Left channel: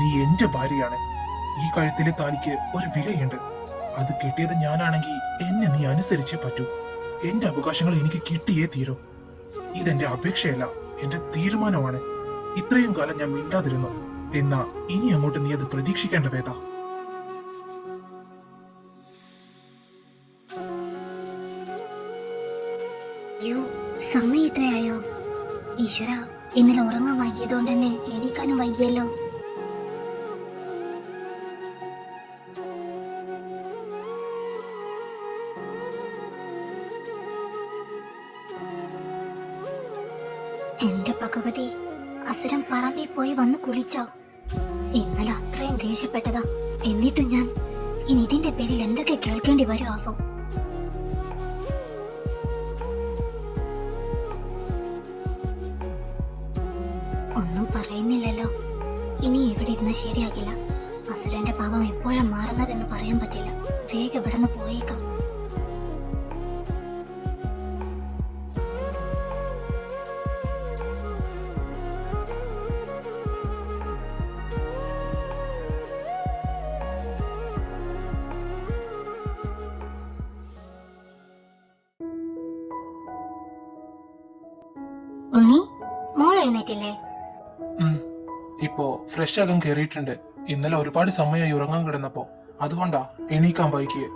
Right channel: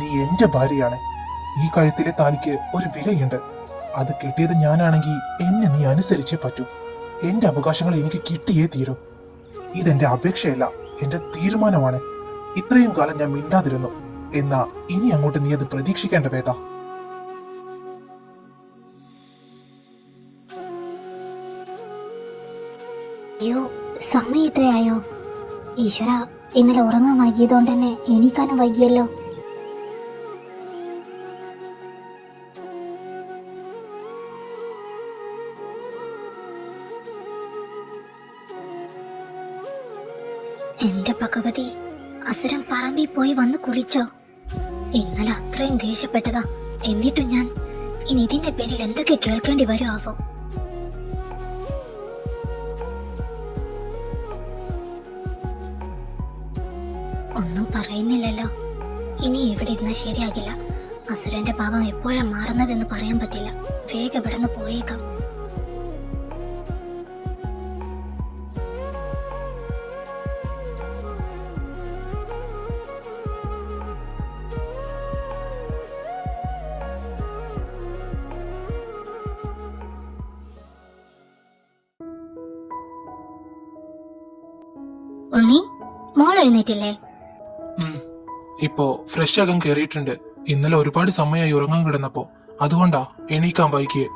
നീ എന്റെ ഭാര്യയാണ്. ഈ കഴുത്തിലെ താലിക്ക് ഒരു വിലയുണ്ട്. അത് കിട്ടിയത് ഞാനാണെങ്കിൽ എന്നെ നീ അനുസരിച്ചേ പറ്റൂ. എന്റെ അവകാശങ്ങൾ എനിക്ക് കിട്ടിയേ തീരൂ. ഇതെന്റെ അപേക്ഷയല്ല, എന്റെ തീരുമാനമാണ്. ഇത്രയും കാലം ഞാൻ മിണ്ടാതിരുന്നു. എന്നാ ഇനി അങ്ങോട്ട് നീ അത് പ്രതീക്ഷിക്കേണ്ട വേദ. അയ്യോ, സമയം ഇത്രയായോ? ഈശ്വര, ഇന്നലെ ഉറങ്ങാൻ വൈകിയതുകൊണ്ട് തന്നെ എണീക്കാനും വൈകിയല്ലോ. എന്റെ ഭഗവതി, അസുരൻ പറമ്പിൽ പോയി വന്ന് കുളിച്ചോ? ഇന്നലെ അത്രയും ദേഷ്യപ്പെട്ടതാ. എന്നിട്ടും ഞാൻ ഇനി ഇതിന്റെ പേരിൽ എന്തൊക്കെ കേൾക്കേണ്ടി വരും ആവോ? ഒന്നും പറയുന്നില്ലല്ലോ. ഇനി ഇവിടെ ഇരുന്ന് ശരിയാകില്ല. അസുരന്റെ പാപം എപ്പോഴാ മാറുന്നതെന്ന് പറയാൻ പറ്റില്ല. വേഗം ഇവിടെ നിന്ന് പോയേക്കാം. ഉണ്ണി, മോൾ എഴുന്നേറ്റില്ലേ? ഇപ്പോ ഫ്രഷ് ആകാൻ കയറിയിട്ടുണ്ട്. ഇന്നലെ ഒരുപാട് സമയമായി ഉറങ്ങാൻ കിടന്നപ്പോ, അതുകൊണ്ടാ എണീക്കാൻ വൈകിയേ.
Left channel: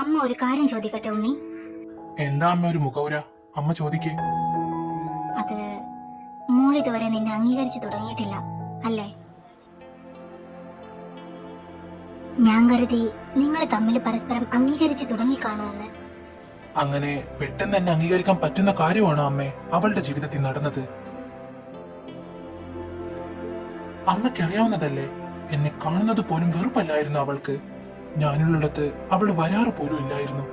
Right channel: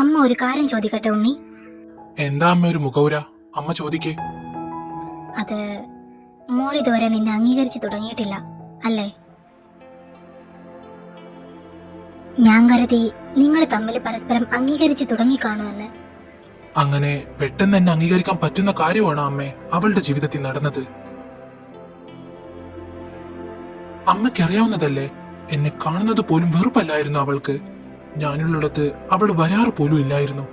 അമ്മ ഒരു കാര്യം ചോദിക്കട്ടെ ഉണ്ണി? എന്താ അമ്മ ഒരു മുഖവുര? അമ്മ ചോദിക്കേ. അത് മോൾ ഇതുവരെ നിന്നെ അംഗീകരിച്ചു തുടങ്ങിയിട്ടില്ല അല്ലേ? ഞാൻ കരുതി നിങ്ങൾ തമ്മിൽ പരസ്പരം അംഗീകരിച്ചു തുടങ്ങി കാണുമെന്ന്. അങ്ങനെ പെട്ടെന്ന് എന്നെ അംഗീകരിക്കാൻ പറ്റുന്ന കാര്യമാണ് അമ്മേ അവളുടെ ജീവിതത്തിൽ നടന്നത്. അമ്മയ്ക്കറിയാവുന്നതല്ലേ, എന്നെ കാണുന്നത് പോലും വെറുപ്പല്ലായിരുന്നു അവൾക്ക്. ഞാനുള്ളിടത്ത് അവൾ വരാറ് പോലും ഇല്ലായിരുന്നു.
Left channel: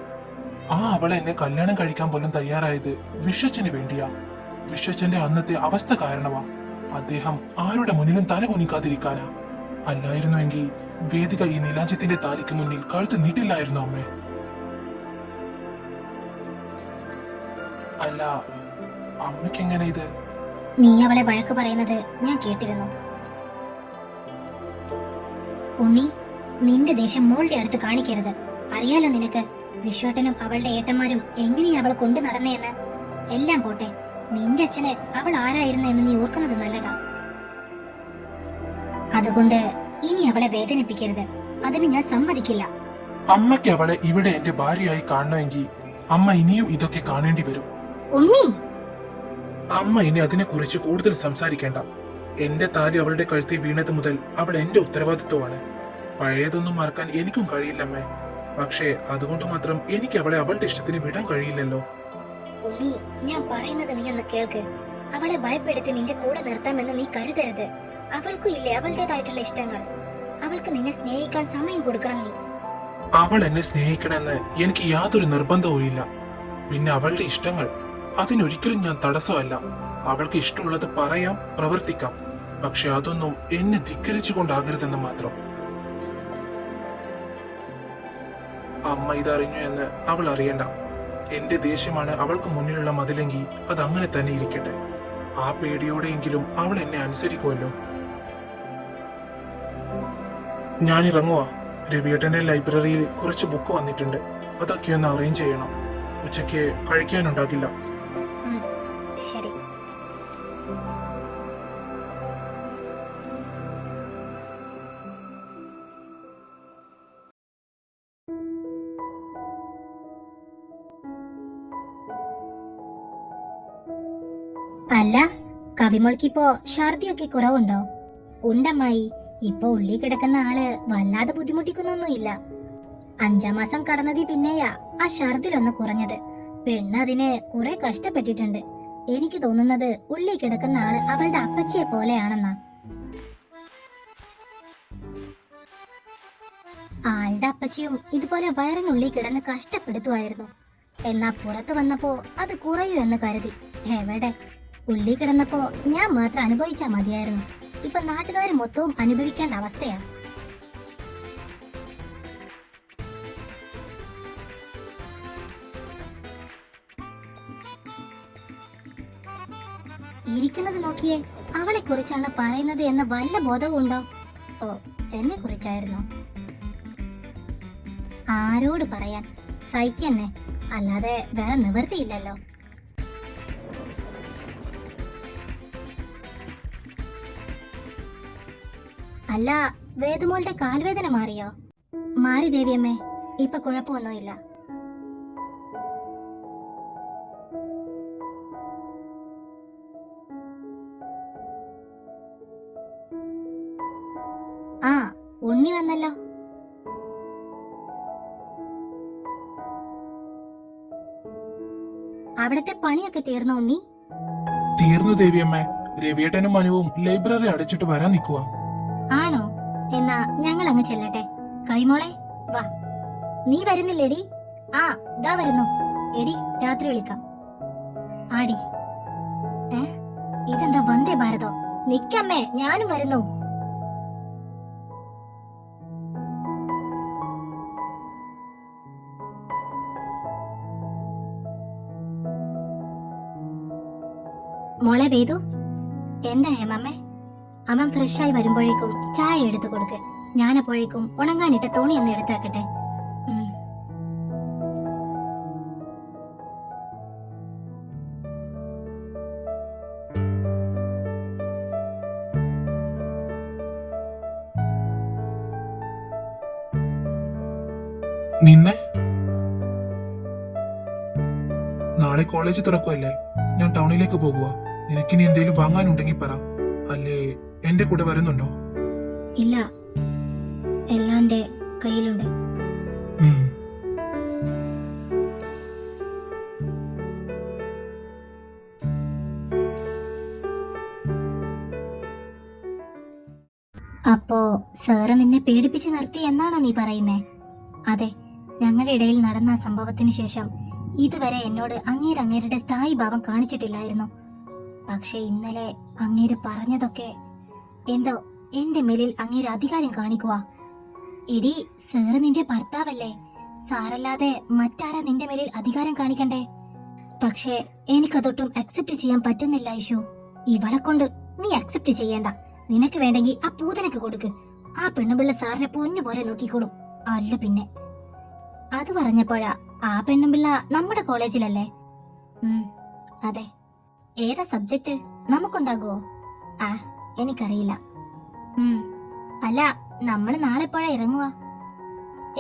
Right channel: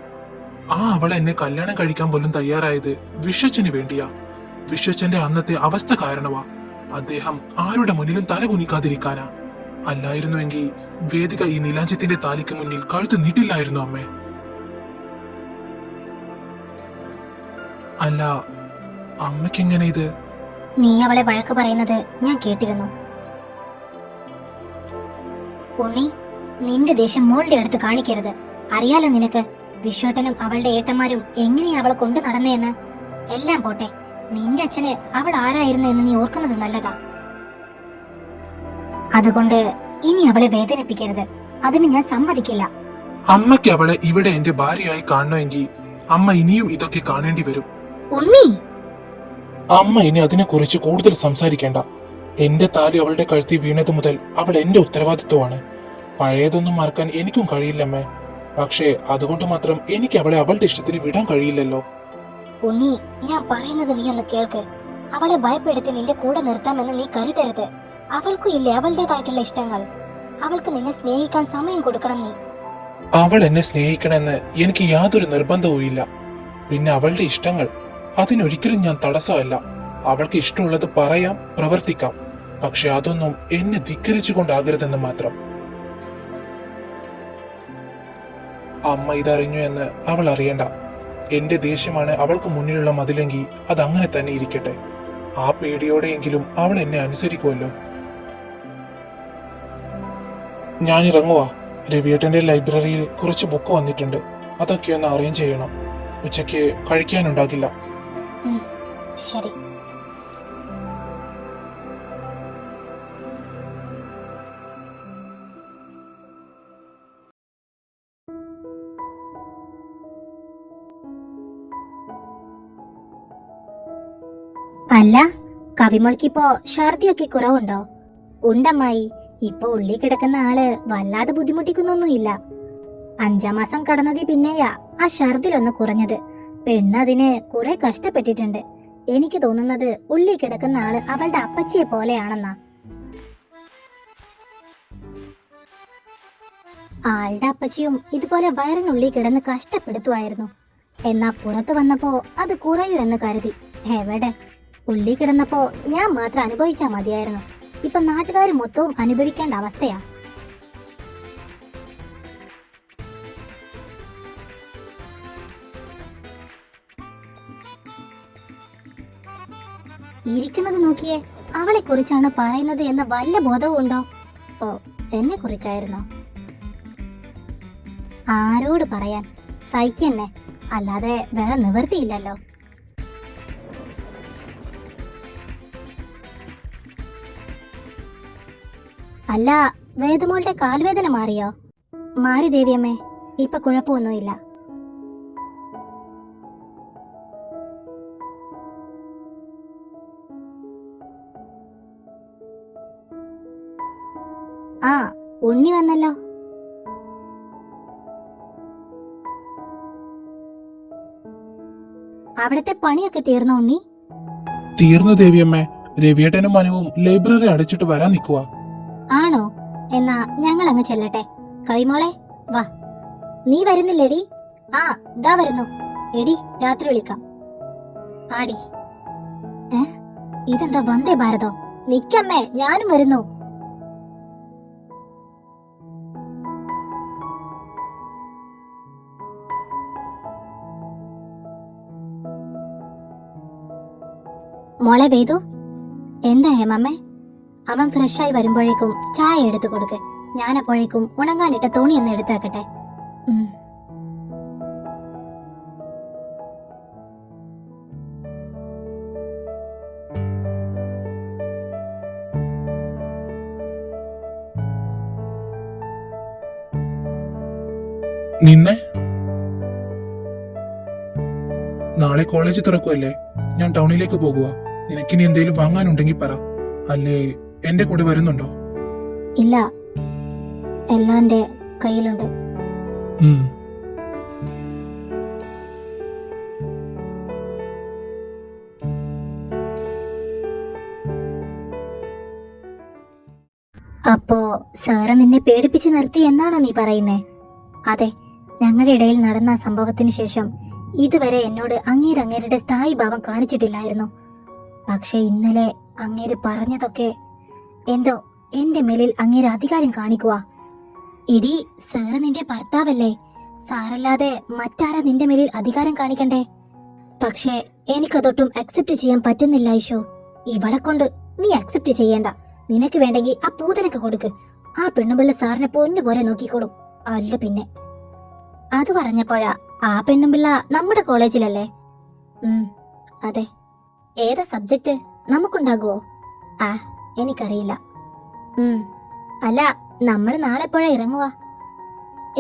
അവളെ എന്നെ കല്യാണം കഴിക്കാൻ പോലും തയ്യാറായത് വിശ്വച്ചന് വേണ്ടിയാ. വിശ്വച്ചന്റെ അന്നത്തെ അവസ്ഥ കാരണമാ. അദ്ദേഹം ആരുടെ മുന്നിലും തല കുനിക്കാതിരിക്കാനാ. അല്ലായിരുന്നുവെങ്കിൽ വേദിക ഈ നീലാഞ്ചത്തിന്റെ താലിക്ക് മുന്നിൽ കഴുത്ത് നീട്ടില്ലായിരുന്നു അമ്മേ. അല്ല, അമ്മയ്ക്കെങ്ങനെ ഇത്? നീ അവളെ വഴക്ക് പറയുന്നത് ഞാൻ കേട്ടിരുന്നു. ഉണ്ണി, നിന്റെ ദേഷ്യം മോളുടെ അടുത്ത് കാണിക്കരുത്. അറിയാലോ നിനക്ക് വിശ്വട്ടനും അവളുടെ ഏട്ടന്മാരും എങ്ങനെയാ അവളെ കൊണ്ടു നടന്നേന്ന്. എല്ലാം പോട്ടെ, നിന്റെ അച്ഛന് അവൾ ആരായിരുന്നു എന്ന് നീ ഓർക്കുന്നത് നല്ലതാ. അതുകൊണ്ട് ഇനി അവളെ വേദനിപ്പിക്കരുത്. അതിന് ഞാൻ സമ്മതിക്കില്ല. അമ്മയ്ക്ക് അവളെ ഇവിടെ എന്റെ ഭാര്യയായി കാണണമെങ്കിൽ അമ്മ ഇനിയും ഇതൊക്കെ കാണേണ്ടി വരും. ഉണ്ണി, അമ്മ ഇനി അതിനെക്കുറിച്ച് കൂടുതൽ സംസാരിക്കേണ്ട. എന്റെ താലി അവളുടെ കഴുത്തിൽ വീണത് മുതൽ അവൾ എന്റെ ഉത്തരവാദിത്വമാണ്. പഴയതൊന്നും മറക്കാൻ എനിക്കും കഴിയില്ലമ്മേ. പക്ഷേ അതുകൊണ്ട് മാത്രം എനിക്ക് അവളെ അവളുടെ ഇഷ്ടത്തിന് വിടാൻ കഴിയില്ലല്ലോ. ഉണ്ണി, ഞാൻ പറയുന്നത് നീ ഒന്ന് കേൾക്ക്. അവളെ ഭയപ്പെടുത്തി നിന്റെ കൂടെ നിർത്താമെന്ന് നീ കരുതരുത്. അവൾക്കും ഇല്ലേ അവളുടേതായിട്ടുള്ള ഇഷ്ടങ്ങൾ. അവൾക്ക് നിന്നെ സ്നേഹിക്കാൻ സമയം കൊടുക്കണം നീ. അവൾ എന്നെ സ്നേഹിക്കണമെന്ന് എനിക്ക് യാതൊരു നിർബന്ധവും ഇല്ല. പിന്നെ അവളുടെ ഇഷ്ടങ്ങൾ, അതിനൊരിക്കലും ഞാൻ തടസ്സമല്ല. അവൾക്ക് ഇഷ്ടമുള്ളത് പറയാം, പ്രവർത്തിക്കാം. പക്ഷെ അതൊന്നും എന്നെ ധിക്കരിച്ചുകൊണ്ടാകരുതെന്ന് മാത്രം. അമ്മ ഇതറിഞ്ഞു എന്ന് അവൾ അറിയണ്ട. എന്റെ ദേഷ്യമാണ് അവൾക്ക് മുന്നിലുള്ള മതിലെങ്കിൽ അതങ്ങനെ തന്നെ ഇരിക്കട്ടെ. ആ പേടിയോടെയെങ്കിലും അവൾ എന്നെ അനുസരിക്കുമല്ലോ. ഞാനിറങ്ങുവാ. രവിയേട്ടന്റെ ലൈബ്രറിയിൽ കുറച്ച് ബുക്ക് വന്നിട്ടുണ്ട്. അതൊക്കെ ഒന്ന് അറേഞ്ച് ചെയ്യണം. ഉച്ചയ്ക്ക് കഴിക്കാനുണ്ടാകില്ല. ശരി. അല്ല, കവിമോൾക്കിപ്പോ ഛർദിയൊക്കെ കുറവുണ്ടോ? ഉണ്ടമ്മായി. ഇപ്പൊ ഉള്ളി കിടക്കുന്ന ആള് വല്ലാതെ ബുദ്ധിമുട്ടിക്കുന്നൊന്നുമില്ല. 5-ാം മാസം കടന്നതി പിന്നെയാ ആ ഛർദിലൊന്ന് കുറഞ്ഞത്. പെണ്ണതിന് കുറെ കഷ്ടപ്പെട്ടിട്ടുണ്ട്. എനിക്ക് തോന്നുന്നത് ഉള്ളി കിടക്കുന്ന ആള് അവളുടെ അപ്പച്ചിയെ പോലെയാണെന്നാ. ആളുടെ അപ്പച്ചിയും ഇതുപോലെ വയറിനുള്ളിൽ കിടന്ന് കഷ്ടപ്പെടുത്തുമായിരുന്നു. എന്നാ പുറത്തു വന്നപ്പോ അത് കുറയൂ എന്ന് കരുതി. എവിടെ, ഉള്ളി കിടന്നപ്പോ ഞാൻ മാത്രം അനുഭവിച്ചാ മതിയായിരുന്നു. ഇപ്പൊ നാട്ടുകാർ മൊത്തവും അനുഭവിക്കേണ്ട അവസ്ഥയാ. ഇരിക്കുന്നത് നോക്കിയേ, അവളെ കുറിച്ചാണ് പറയുന്നത് എന്ന വല്ല ബോധവും ഉണ്ടോ? ഓ, എന്നെ കുറിച്ചായിരുന്നോ? ആരോട് പറയാൻ? സഹിക്കന്നെ, അല്ലാതെ വേറെ നിവൃത്തിയില്ലല്ലോ. അല്ല, വേദമോളുടെ കാൽവേദന മാറിയോ? മാറി ദേവിയമ്മേ, ഇപ്പൊ കുഴപ്പമൊന്നുമില്ല. ആ, ഉണ്ണി വന്നല്ലോ. അവിടുത്തെ പണിയൊക്കെ തീർന്നോ ഉണ്ണി? തീർന്നു ദേവിയമ്മേ. രവിയേട്ടനും മനുവും ലൈബ്രറി അടച്ചിട്ട് വരാൻ നിൽക്കുക. ആണോ? എന്നാ ഞങ്ങൾ അങ്ങ് ചെല്ലട്ടെ. കൈമോളെ വാ. നീ വരുന്നില്ലേടി? ആ, ദാ വരുന്നു. എടി, രാത്രി വിളിക്കാം. ആടി. ഇതെന്താ വന്ദേ ഭാരതോ? നിക്കമ്മേ, ഞാനും വരുന്നു. മോളെ വേദു, എന്താ ഹേമമ്മേ? അവൻ ഫ്രഷായി വരുമ്പോഴേക്കും ചായ എടുത്തു കൊടുക്ക്. ഞാനപ്പോഴേക്കും ഉണങ്ങാനിട്ട തുണി ഒന്ന് എടുത്താക്കട്ടെ. നിന്നെ നാളെ കോളേജ് തുറക്കുമല്ലേ? ഞാൻ ടൗണിലേക്ക് പോകുക. നിനക്കിനി എന്തേലും വാങ്ങാനുണ്ടെങ്കിൽ പറ. അല്ലേ എന്റെ കൂടെ വരുന്നുണ്ടോ? ഇല്ല, എല്ലാം എന്റെ കയ്യിലുണ്ട്. അപ്പോ സാറ് നിന്നെ പേടിപ്പിച്ച് നിർത്തി എന്നാണോ നീ പറയുന്നേ? അതെ, ഞങ്ങളുടെ ഇടയിൽ നടന്ന സംഭവത്തിന് ശേഷം ഇതുവരെ എന്നോട് അങ്ങേരുടെ സ്ഥായി ഭാവം കാണിച്ചിട്ടില്ലായിരുന്നു. പക്ഷെ ഇന്നലെ അങ്ങേര് പറഞ്ഞതൊക്കെ എന്തോ എന്റെ മേലിൽ അങ്ങേര് അധികാരം കാണിക്കുക. എടി, സാറ് നിന്റെ ഭർത്താവല്ലേ? സാറല്ലാതെ മറ്റാരാ നിന്റെ മേലിൽ അധികാരം കാണിക്കണ്ടേ? പക്ഷേ എനിക്കതൊട്ടും അക്സെപ്റ്റ് ചെയ്യാൻ പറ്റുന്നില്ല ഐഷോ. ഇവളെ കൊണ്ട് നീ അക്സെപ്റ്റ് ചെയ്യണ്ട. നിനക്ക് വേണ്ടെങ്കിൽ ആ പൂതനക്ക് കൊടുക്ക്. ആ പെണ്ണുപിള്ള സാറിനെ പൊന്നുപോലെ നോക്കിക്കോളും. അല്ല പിന്നെ. അത് പറഞ്ഞപ്പോഴാ, ആ പെണ്ണുപിള്ള നമ്മുടെ കോളേജിലല്ലേ? അതെ. ഏതാ സബ്ജക്റ്റ്? നമുക്കുണ്ടാകുവോ? ആ, എനിക്കറിയില്ല. അല്ല, നമ്മൾ നാളെ എപ്പോഴാ ഇറങ്ങുക?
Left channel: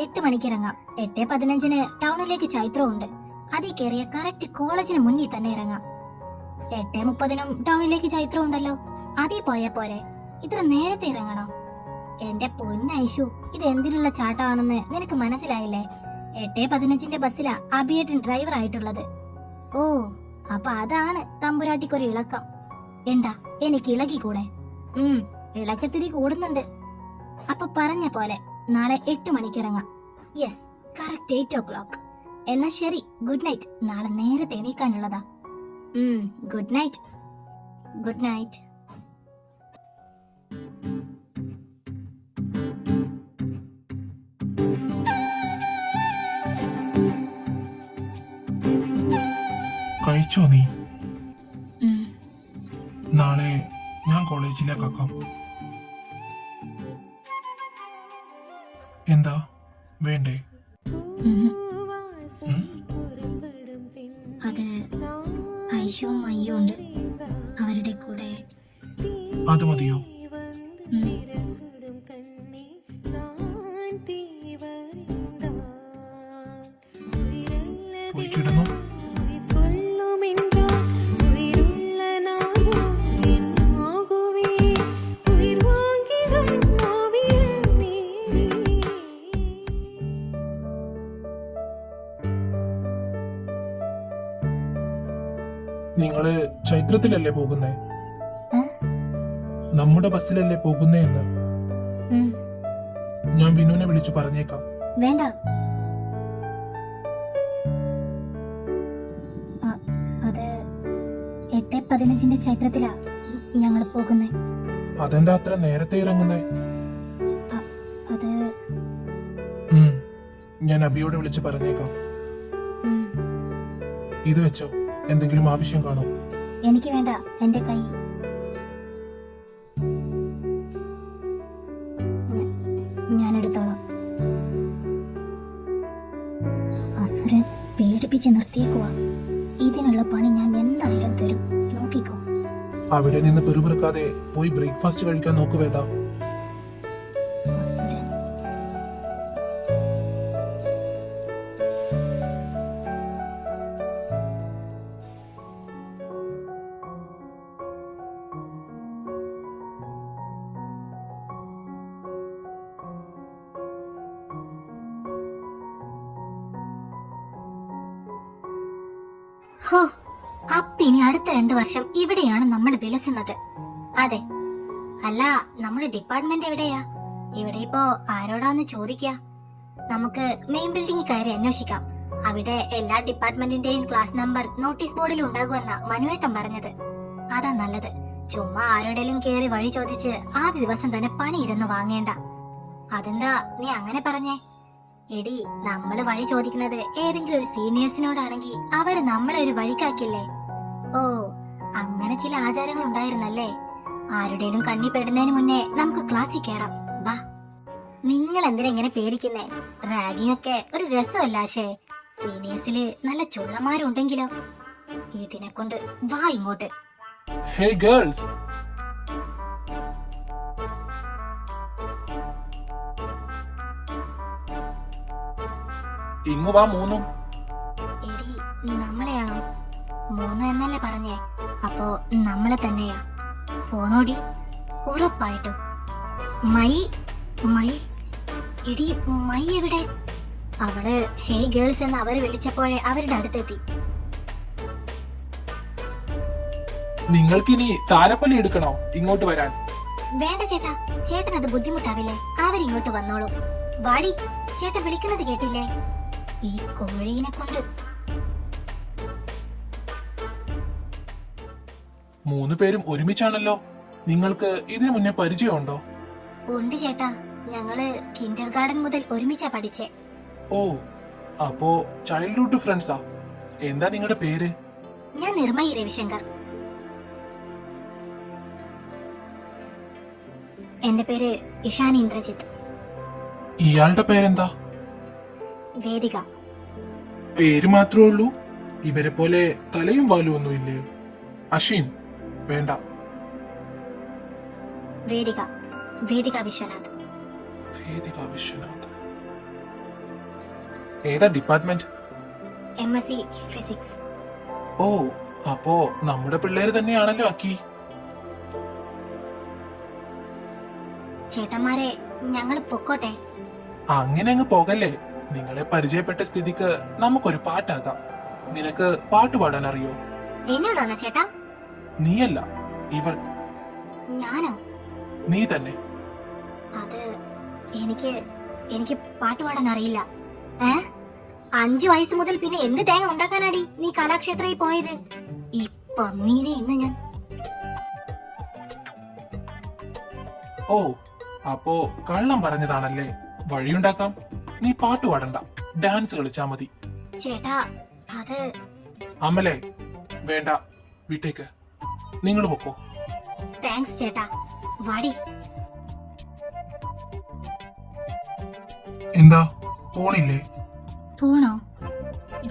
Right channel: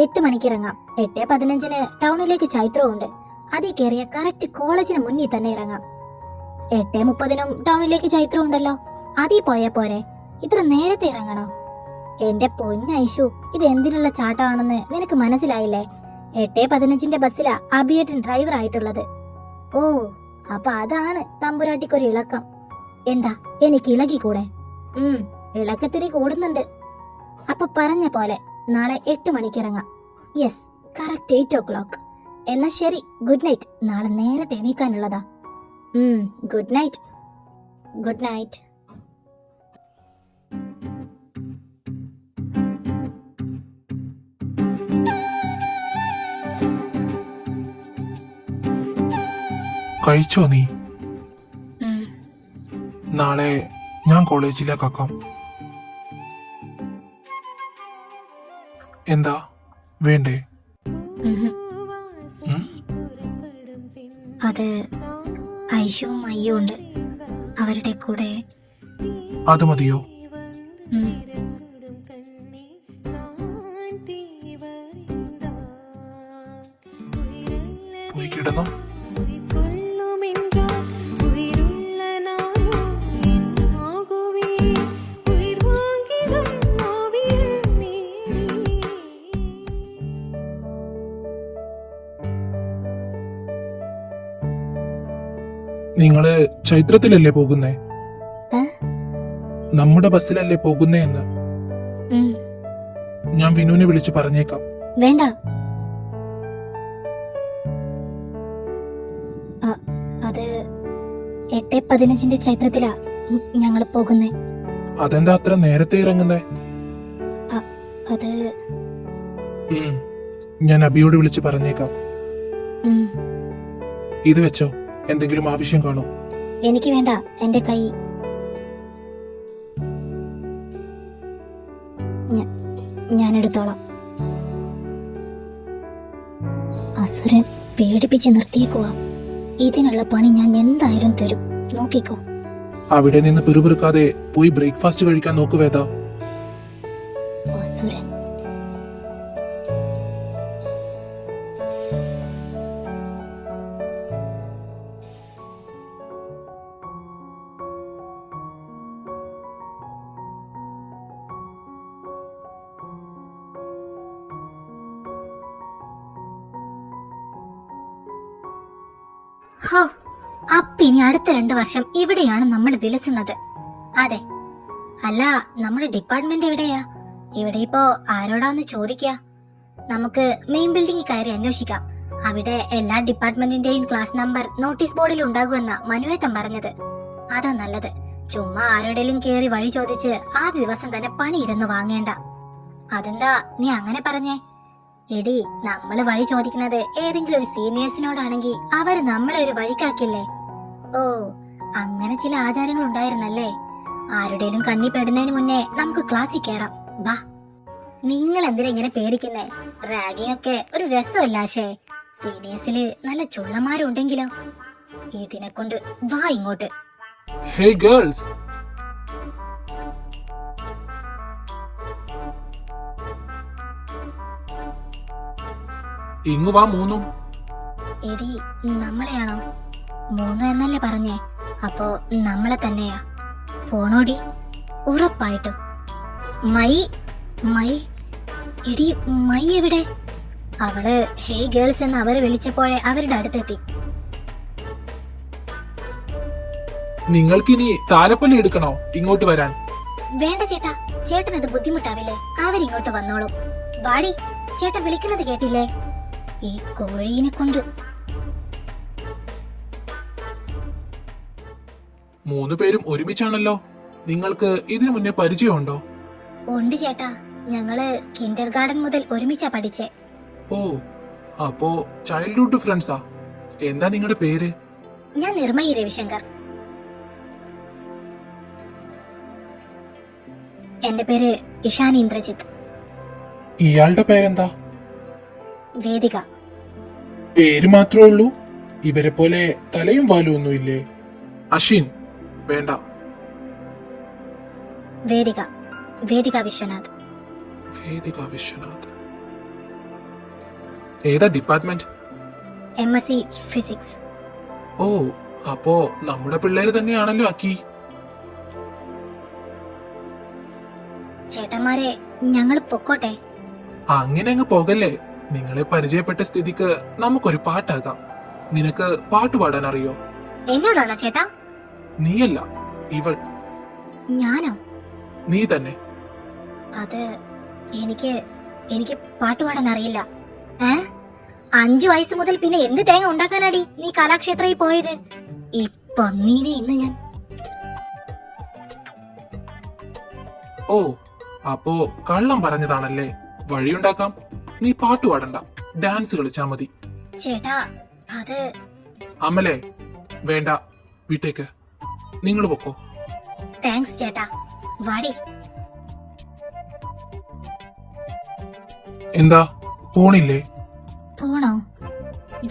8 മണിക്ക് ഇറങ്ങാം. 8:15 ടൗണിലേക്ക് ചൈത്രമുണ്ട്. അതിൽ കയറിയ കറക്റ്റ് കോളേജിന് മുന്നിൽ തന്നെ ഇറങ്ങാം. 8:30 ടൗണിലേക്ക് ചൈത്രം ഉണ്ടല്ലോ, അതിൽ പോയാ പോരെ? ഇത്ര നേരത്തെ ഇറങ്ങണോ? എന്റെ പൊന്നൈശു, ഇത് എന്തിനുള്ള ചാട്ടമാണെന്ന് നിനക്ക് മനസ്സിലായില്ലേ? 8:15 ബസ്സിലാ അഭിയേട്ടൻ ഡ്രൈവർ ആയിട്ടുള്ളത്. ഓ, അപ്പൊ അതാണ് തമ്പുരാട്ടിക്കൊരു ഇളക്കം. എന്താ, എനിക്ക് ഇളകിക്കൂടെ? ഇളക്കത്തിരി കൂടുന്നുണ്ട്. അപ്പൊ പറഞ്ഞ പോലെ നാളെ 8 മണിക്ക് ഇറങ്ങാം. Yes, correct 8 o'clock. എന്നാ ശരി, ഗുഡ് നൈറ്റ്. നാളെ നേരത്തെ എണീക്കാനുള്ളതാ. Good night. Good night. കഴിച്ചോ നീ? നാളെ ഞാൻ കോളേജിലേക്കാക്കാം. എന്താ വേണ്ടേ? അത് ഐശുവും അയ്യും ഉണ്ട്, അവരുടെ കൂടെ. അത് മതിയോ? പോയി കിടന്നോ. നിങ്ങള് ചൈത്രത്തിലല്ലേ പോകുന്നേ? നമ്മുടെ ബസ്സിലല്ലേ പോകുന്നേ എന്ന് ഞാൻ വിനുവിനെ വിളിച്ചു പറഞ്ഞേക്കാം. വേണ്ട, അത് 8:15 ചൈത്രത്തിലാ ഞങ്ങൾ പോകുന്നേ. അതെന്താ അത്ര നേരത്തെ ഇറങ്ങുന്നേ? അത് ഞാൻ അബിയോട് വിളിച്ച് പറഞ്ഞേക്കാം. ഇത് വെച്ചോ, എന്തെങ്കിലും ആവശ്യം കാണും. എനിക്ക് വേണ്ട, എന്റെ കൈ. ഞാൻ എടുത്തോളാം. അസുരൻ പേടിപ്പിച്ച് നിർത്തിയേക്കുവാ. ഇതിനുള്ള പണി ഞാൻ എന്തായാലും തരും, നോക്കിക്കോ. അവിടെ നിന്ന് പിറുപിറുക്കാതെ പോയി ബ്രേക്ക്ഫാസ്റ്റ് കഴിക്കാൻ നോക്കു വേദ. അസുരൻ. ഹോ, അപ്പൊ ഇനി അടുത്ത 2 വർഷം ഇവിടെയാണ് നമ്മൾ വിലസുന്നത്. അതെ. അല്ല, നമ്മുടെ ഡിപ്പാർട്ട്മെന്റ് എവിടെയാ? ഇവിടെ ഇപ്പോ ആരോടാന്ന് ചോദിക്കുക? നമുക്ക് മെയിൻ ബിൽഡിംഗിൽ കയറി അന്വേഷിക്കാം. അവിടെ എല്ലാ ഡിപ്പാർട്ട്മെന്റിന്റെയും ക്ലാസ് നമ്പർ നോട്ടീസ് ബോർഡിൽ ഉണ്ടാകുമെന്ന മനുവേട്ടൻ പറഞ്ഞത്. അതാ നല്ലത്. ചുമ്മാ ആരോടെങ്കിലും കേറി വഴി ചോദിച്ച് ആദ്യ ദിവസം തന്നെ പണി ഇരുന്ന് വാങ്ങേണ്ട. അതെന്താ നീ അങ്ങനെ പറഞ്ഞേ? എടി, നമ്മള് വഴി ചോദിക്കുന്നത് ഏതെങ്കിലും ഒരു സീനിയേഴ്സിനോടാണെങ്കിൽ അവര് നമ്മളെ ഒരു വഴിക്കാക്കില്ലേ? ഓ, അങ്ങനെ ചില ആചാരങ്ങൾ ഉണ്ടായിരുന്നല്ലേ. ആരുടെയും കണ്ണി പെടുന്നതിന് മുന്നേ നമുക്ക് ക്ലാസ്സിൽ കയറാം. ബാ. നിങ്ങൾ എന്തിനാ ഇങ്ങനെ പേടിക്കുന്നേ? റാഗിങ് ഒക്കെ ഒരു രസമല്ലാശേ. സീനിയേഴ്സില് നല്ല ചുള്ളന്മാരുണ്ടെങ്കിലോ? ഇതിനെ കൊണ്ട് വാ ഇങ്ങോട്ട്. ഹേയ് ഗേൾസ്, ഇങ്ങു വാ മൂന്നും. എടി, നമ്മളെയാണോ? 3 എന്നല്ലേ പറഞ്ഞേ? അപ്പോ നമ്മളെ തന്നെയാ. പോണോടി, ഉറപ്പായിട്ടും. മൈ മൈ എടി, മൈ എവിടെ? അവള് ഹേയ് ഗേൾസ് എന്ന് അവര് വിളിച്ചപ്പോഴേ അവരുടെ അടുത്തെത്തി. നിങ്ങൾക്കിനി താലപ്പൊലി എടുക്കണോ ഇങ്ങോട്ട് വരാൻ? വേണ്ട ചേട്ടാ, ചേട്ടനത് ബുദ്ധിമുട്ടാവില്ലേ? അവരിങ്ങോട്ട് വന്നോളൂ. വാടി, ചേട്ടൻ വിളിക്കുന്നത് കേട്ടില്ലേ? ഈ കോഴീനെ കൊണ്ട്. 3 പേരും ഒരുമിച്ചാണല്ലോ. നിങ്ങൾക്ക് ഇതിനു മുന്നേ പരിചയമുണ്ടോ? ഉണ്ട് ചേട്ടാ, ഞങ്ങള് കിൻഡർ ഗാർഡൻ മുതൽ ഒരുമിച്ചാ പഠിച്ചേ. ഓ, അപ്പോ ചൈൽഡ്ഹുഡ് ഫ്രണ്ട്സാ. എന്താ നിങ്ങളുടെ പേര്? ഞാൻ നിർമ്മയി രവിശങ്കർ. എന്റെ പേര് ഇഷാനി ഇന്ദ്രജിത്ത്. ഇയാളുടെ പേരെന്താ? വേദിക. പേര് മാത്രമേ ഉള്ളൂ? ഇവരെ പോലെ തലയും വാലും ഒന്നും ഇല്ലേ? അശ്വിൻ, വേണ്ട. വേദിക. വേദിക വിശ്വനാഥ്. വേദിക വിശ്വനാഥ്. ഏതാ ഡിപ്പാർട്ട്മെന്റ്? MSc physics. ഓ, അപ്പോ നമ്മുടെ പിള്ളേര് തന്നെയാണല്ലോ അക്കി. ചേട്ടന്മാരെ, ഞങ്ങൾ പൊക്കോട്ടെ? അങ്ങനെ അങ്ങ് പോകല്ലേ. നിങ്ങളെ പരിചയപ്പെട്ട സ്ഥിതിക്ക് നമുക്കൊരു പാട്ടാകാം. നിനക്ക് പാട്ട് പാടാൻ അറിയോ? എന്നോടാണോ ചേട്ടാ? നീയല്ല, ഇവൾ. ഞാനോ? നീ തന്നെ. അത് എനിക്ക് പാട്ട് പാടാൻ അറിയില്ല. 5 വയസ്സ് മുതൽ പിന്നെ എന്ത് തേങ്ങ ഉണ്ടാക്കാനാടി നീ കലാക്ഷേത്രയിൽ പോയത്? ഇപ്പൊ ഇന്ന് ഞാൻ. ഓ, അപ്പോ കള്ളം പറഞ്ഞതാണല്ലേ. വഴിയുണ്ടാക്കാം. നീ പാട്ട് പാടണ്ട, ഡാൻസ് കളിച്ചാ മതി. ചേട്ടാ, അത്. അമലേ, വേണ്ട, വിട്ടേക്ക്. നിങ്ങൾ പൊക്കോ. താങ്ക്സ് ചേട്ടാ. വാടി. എന്താ, പോണില്ലേ? പോണോ?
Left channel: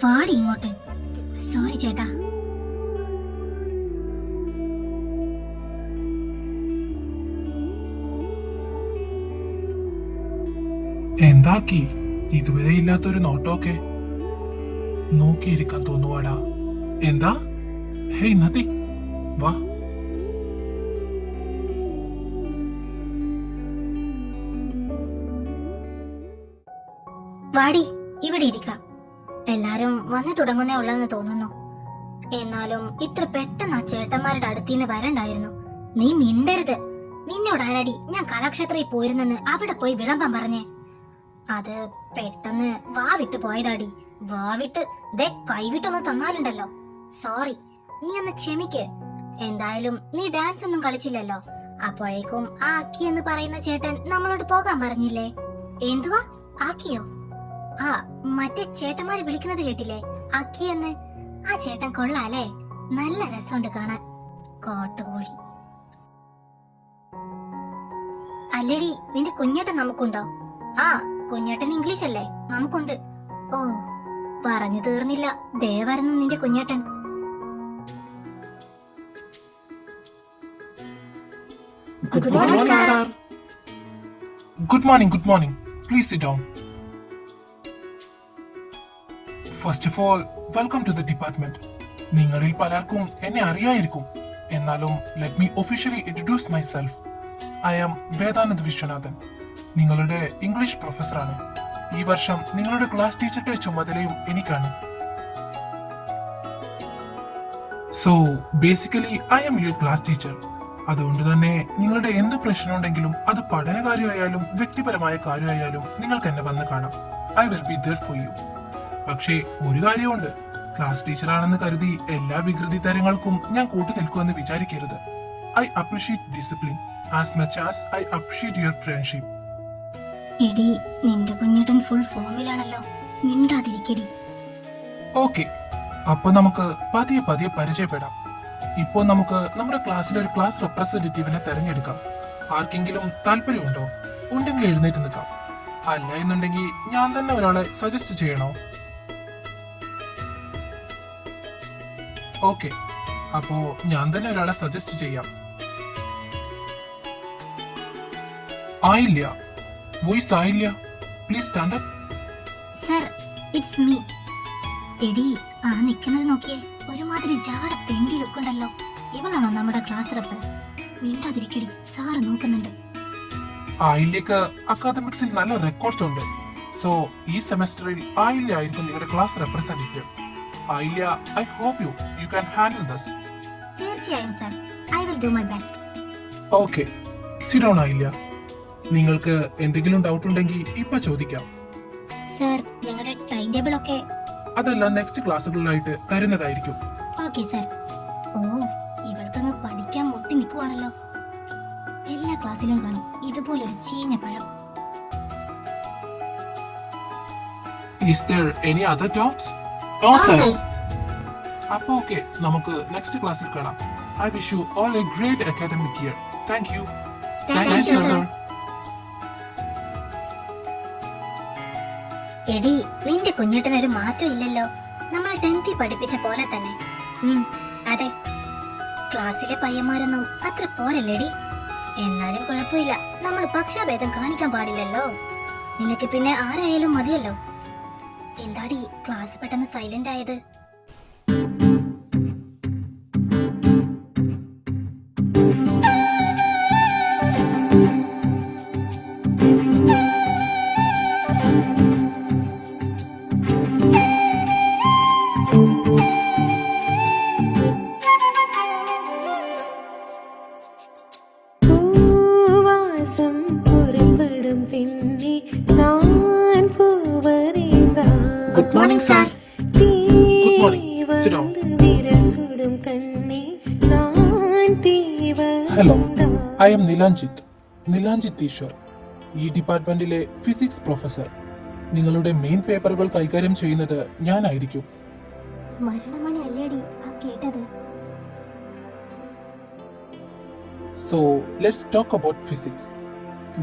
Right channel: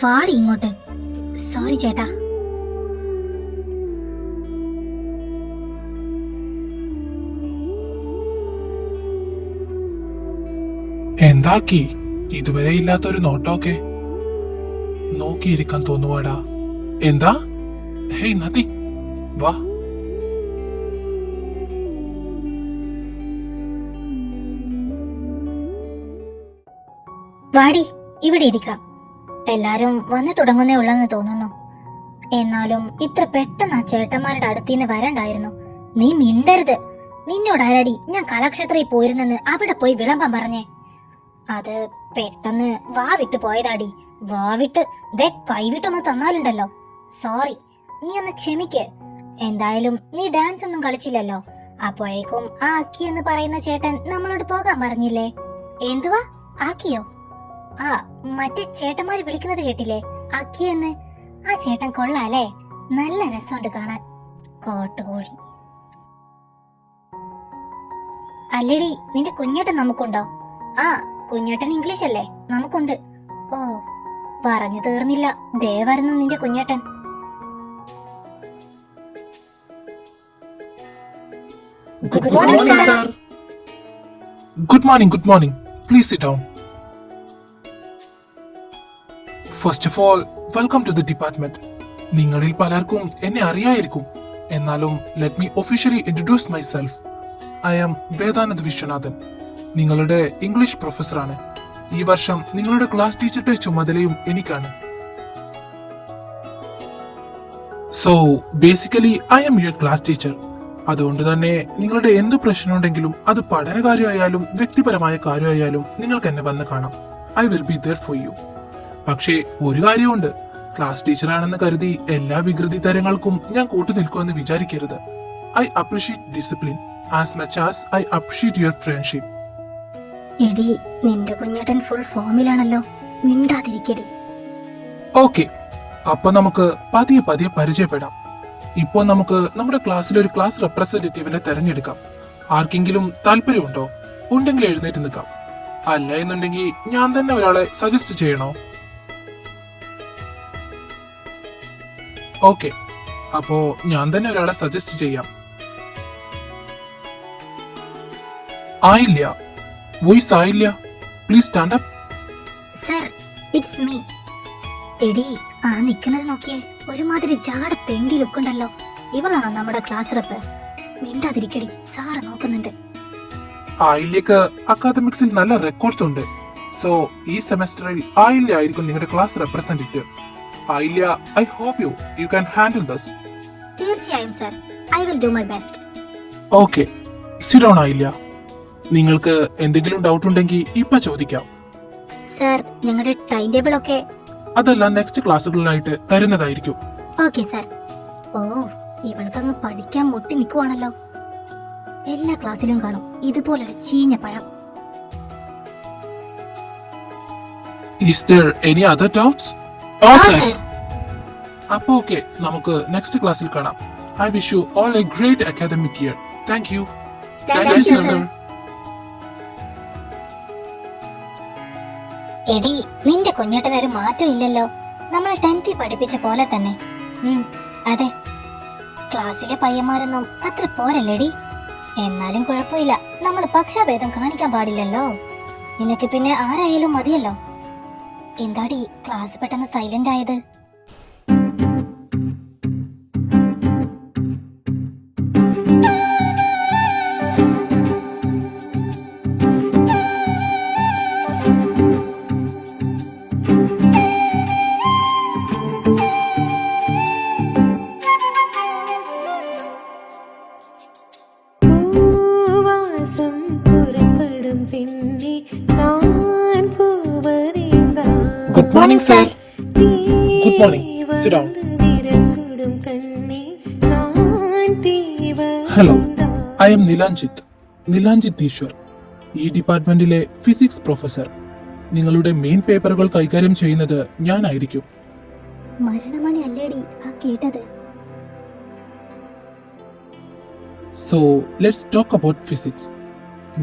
വാടി ഇങ്ങോട്ട്. സോറി ചേട്ടാ. എന്താക്കി? ഇതുവരെ ഇല്ലാത്തൊരു നോട്ടമൊക്കെ. നോക്കിയിരിക്കാൻ തോന്നുവാടാ. എന്താ? ഹേയ് നത്തി, വാ. വാടി, ഇവിടെ ഇരിക്കാം. എല്ലാരും വന്നു തുടങ്ങുന്നേ ഉള്ളെന്ന് തോന്നുന്നു. എന്നാലും ഇത്ര പെട്ടെന്ന് ആ ചേട്ടന്മാരുടെ അടുത്തിന്ന് വരണ്ടായിരുന്നു. നീ മിണ്ടരുത്. നിന്നോടാരടി ഞാൻ കലാക്ഷേത്രയിൽ പോയിരുന്നെന്ന് അവിടെ പോയി വിളമ്പാൻ പറഞ്ഞേ? അത് പെട്ടെന്ന് വാ വിട്ട് പോയതാടി. വാ വിട്ട് ദേ കൈവിട്ടൊന്ന് തന്നാലുണ്ടല്ലോ. സോറി, നീ ഒന്ന് ക്ഷമിക്ക്. എന്തായാലും നീ ഡാൻസ് ഒന്നും കളിച്ചില്ലല്ലോ. അപ്പോഴേക്കും ആ അക്കി എന്ന് പറയുന്ന ചേട്ടൻ നമ്മളോട് പോകാൻ പറഞ്ഞില്ലേ? എന്തുവാ ആക്കിയോ? ആ, മറ്റേ ചേട്ടന്മാര് വിളിക്കുന്നത് കേട്ടില്ലേ അക്കി എന്ന്? ആ ചേട്ടൻ കൊള്ളാലേ. നല്ല രസമുണ്ട് കാണാൻ. കോട്ടുകോഴി. അല്ലേടി, നിന്റെ കുഞ്ഞേട്ടൻ നമുക്കുണ്ടോ? ആ, കുഞ്ഞേട്ടൻ ഇംഗ്ലീഷ് അല്ലേ? നമുക്കുണ്ട്. ഓ, പറഞ്ഞു തീർന്നില്ല. ദേ വരുന്നു നിന്റെ Kunjettan. Good morning, sir. Good morning. Please sit down. First of all, welcome to the department. നിങ്ങളിൽ പലർക്കും എന്നെ അറിയായിരിക്കും. എന്നാലും let me officially introduce myself. I am Vedanand Viswanathan. നിങ്ങളുടെ ഇംഗ്ലീഷ് പ്രൊഫസറാണ്. ഈ വർഷം നിങ്ങളുടെ ക്ലാസ് ടീച്ചറുടെ ചുമതലയും എനിക്കാണ്. So, basically, I am your class teacher. അതുകൊണ്ട് തന്നെ നിങ്ങളുടെ എന്ത് പ്രശ്നമുണ്ടെങ്കിലും അത് പഠനകാര്യമായാലും വ്യക്തിപരമായ കാര്യമായാലും നിങ്ങൾക്ക് എന്നെ വന്ന് കാണാം. I will be there for you. പക്ഷേ ഒരു കാര്യമുണ്ട്, ക്ലാസ് ടീച്ചറാണെന്ന് കരുതി എല്ലാ വികൃതി തരങ്ങൾക്കും ഞാൻ കൂട്ടു നിൽക്കുമെന്ന് വിചാരിക്കരുത്. I appreciate discipline as much as I appreciate your friendship. എടി, നിന്റെ കുഞ്ഞേട്ടൻ ഫുൾ ഫോമിലാണല്ലോ, മിണ്ടാതിരിക്കടി. ഓക്കെ, അപ്പൊ നമുക്ക് പതിയെ പതിയെ പരിചയപ്പെടാം. ഇപ്പോൾ നമുക്ക് നമ്മുടെ ക്ലാസ്സിൽ ഒരു ക്ലാസ് റെപ്രസെന്റേറ്റീവിനെ തെരഞ്ഞെടുക്കാം. ആർക്കെങ്കിലും താല്പര്യമുണ്ടോ? ഉണ്ടെങ്കിൽ എഴുന്നേറ്റ് നിൽക്കാം. അല്ല എന്നുണ്ടെങ്കിൽ ഞാൻ തന്നെ ഒരാളെ സജസ്റ്റ് ചെയ്യണോ? ഓക്കെ, അപ്പോ ഞാൻ തന്നെ ഒരാളെ സജസ്റ്റ് ചെയ്യാം. ആയില്ല, വോയിസ് ആയില്ല. Please stand up. Sir, it's me. എടി, ആ നിക്കുന്നത് നോക്കിയേ, ഒരുമാതിരി ജാട തെണ്ടി ലുക്കുണ്ടല്ലോ. ഇവളാണോ നമ്മുടെ ക്ലാസ് റെപ്പ്? മിണ്ടാതിരിക്കടി, സാറ് നോക്കുന്നുണ്ട്. ആയില്യക്ക് അക്കാദമിക്സിൽ നല്ല റെക്കോർഡ്സ് ഉണ്ട്. സോ ഈ സെമസ്റ്ററിൽ ആയില്യ ആയിരിക്കും നിങ്ങളുടെ class representative. Ayilya, I hope you can handle this. തീർച്ചയായും sir, I will do my best. Okay, sit down Ayilya. നിങ്ങൾക്ക് എന്തെങ്കിലും ഡൗട്ട് ഉണ്ടെങ്കിൽ ഇപ്പൊ ചോദിക്കാം. സർ, ഞങ്ങളുടെ ടൈം ടേബിൾ ഒക്കെ അതെല്ലാം നെക്സ്റ്റ് ക്ലാസ്സുകളിലായിട്ട് തരുന്നതായിരിക്കും. Okay sir. ഓ, ഇവൾക്കങ്ങ് പഠിക്കാൻ മുട്ടി നിൽക്കുവാണല്ലോ. എല്ലാ ക്ലാസ്സിലും കാണും ഇതുപോലൊരു ചീഞ്ഞ പഴം. Is there any other doubts? അപ്പൊ ഓക്കെ, നമുക്ക് നെക്സ്റ്റ് ക്ലാസ്സിൽ കാണാം. I wish you all A great academic year. Thank you. Thank you, sir. എടി, നിന്റെ കുഞ്ഞേട്ടനൊരു മാറ്റം ഇല്ലല്ലോ. നമ്മളെ 10th പഠിപ്പിച്ച പോലെ തന്നെ. അതെ, ക്ലാസ്സിലെ പയ്യന്മാരൊന്നും അത്ര പോരല്ലേടി. എന്നാലും കുഴപ്പമില്ല, നമ്മൾ പക്ഷാഭേദം കാണിക്കാൻ പാടില്ലല്ലോ. നിനക്ക് പിന്നെ ആരായാലും മതിയല്ലോ. എന്താടി ക്ലാസ് പെട്ടെന്ന് സൈലന്റ് ആയത്? Good morning, sir. Good morning. Sit down. Hello, I am നിലാഞ്ജിത്ത് Easwar, ഈ ഡിപ്പാർട്ട്മെന്റിലെ ഫിസിക്സ് പ്രൊഫസർ. നിങ്ങളുടെ മെയിൻ പേപ്പറുകൾ കൈകാര്യം ചെയ്യുന്നത് ഞാനായിരിക്കും. മരണമണി അല്ലേടി ആ കേട്ടത്? So let's talk about physics.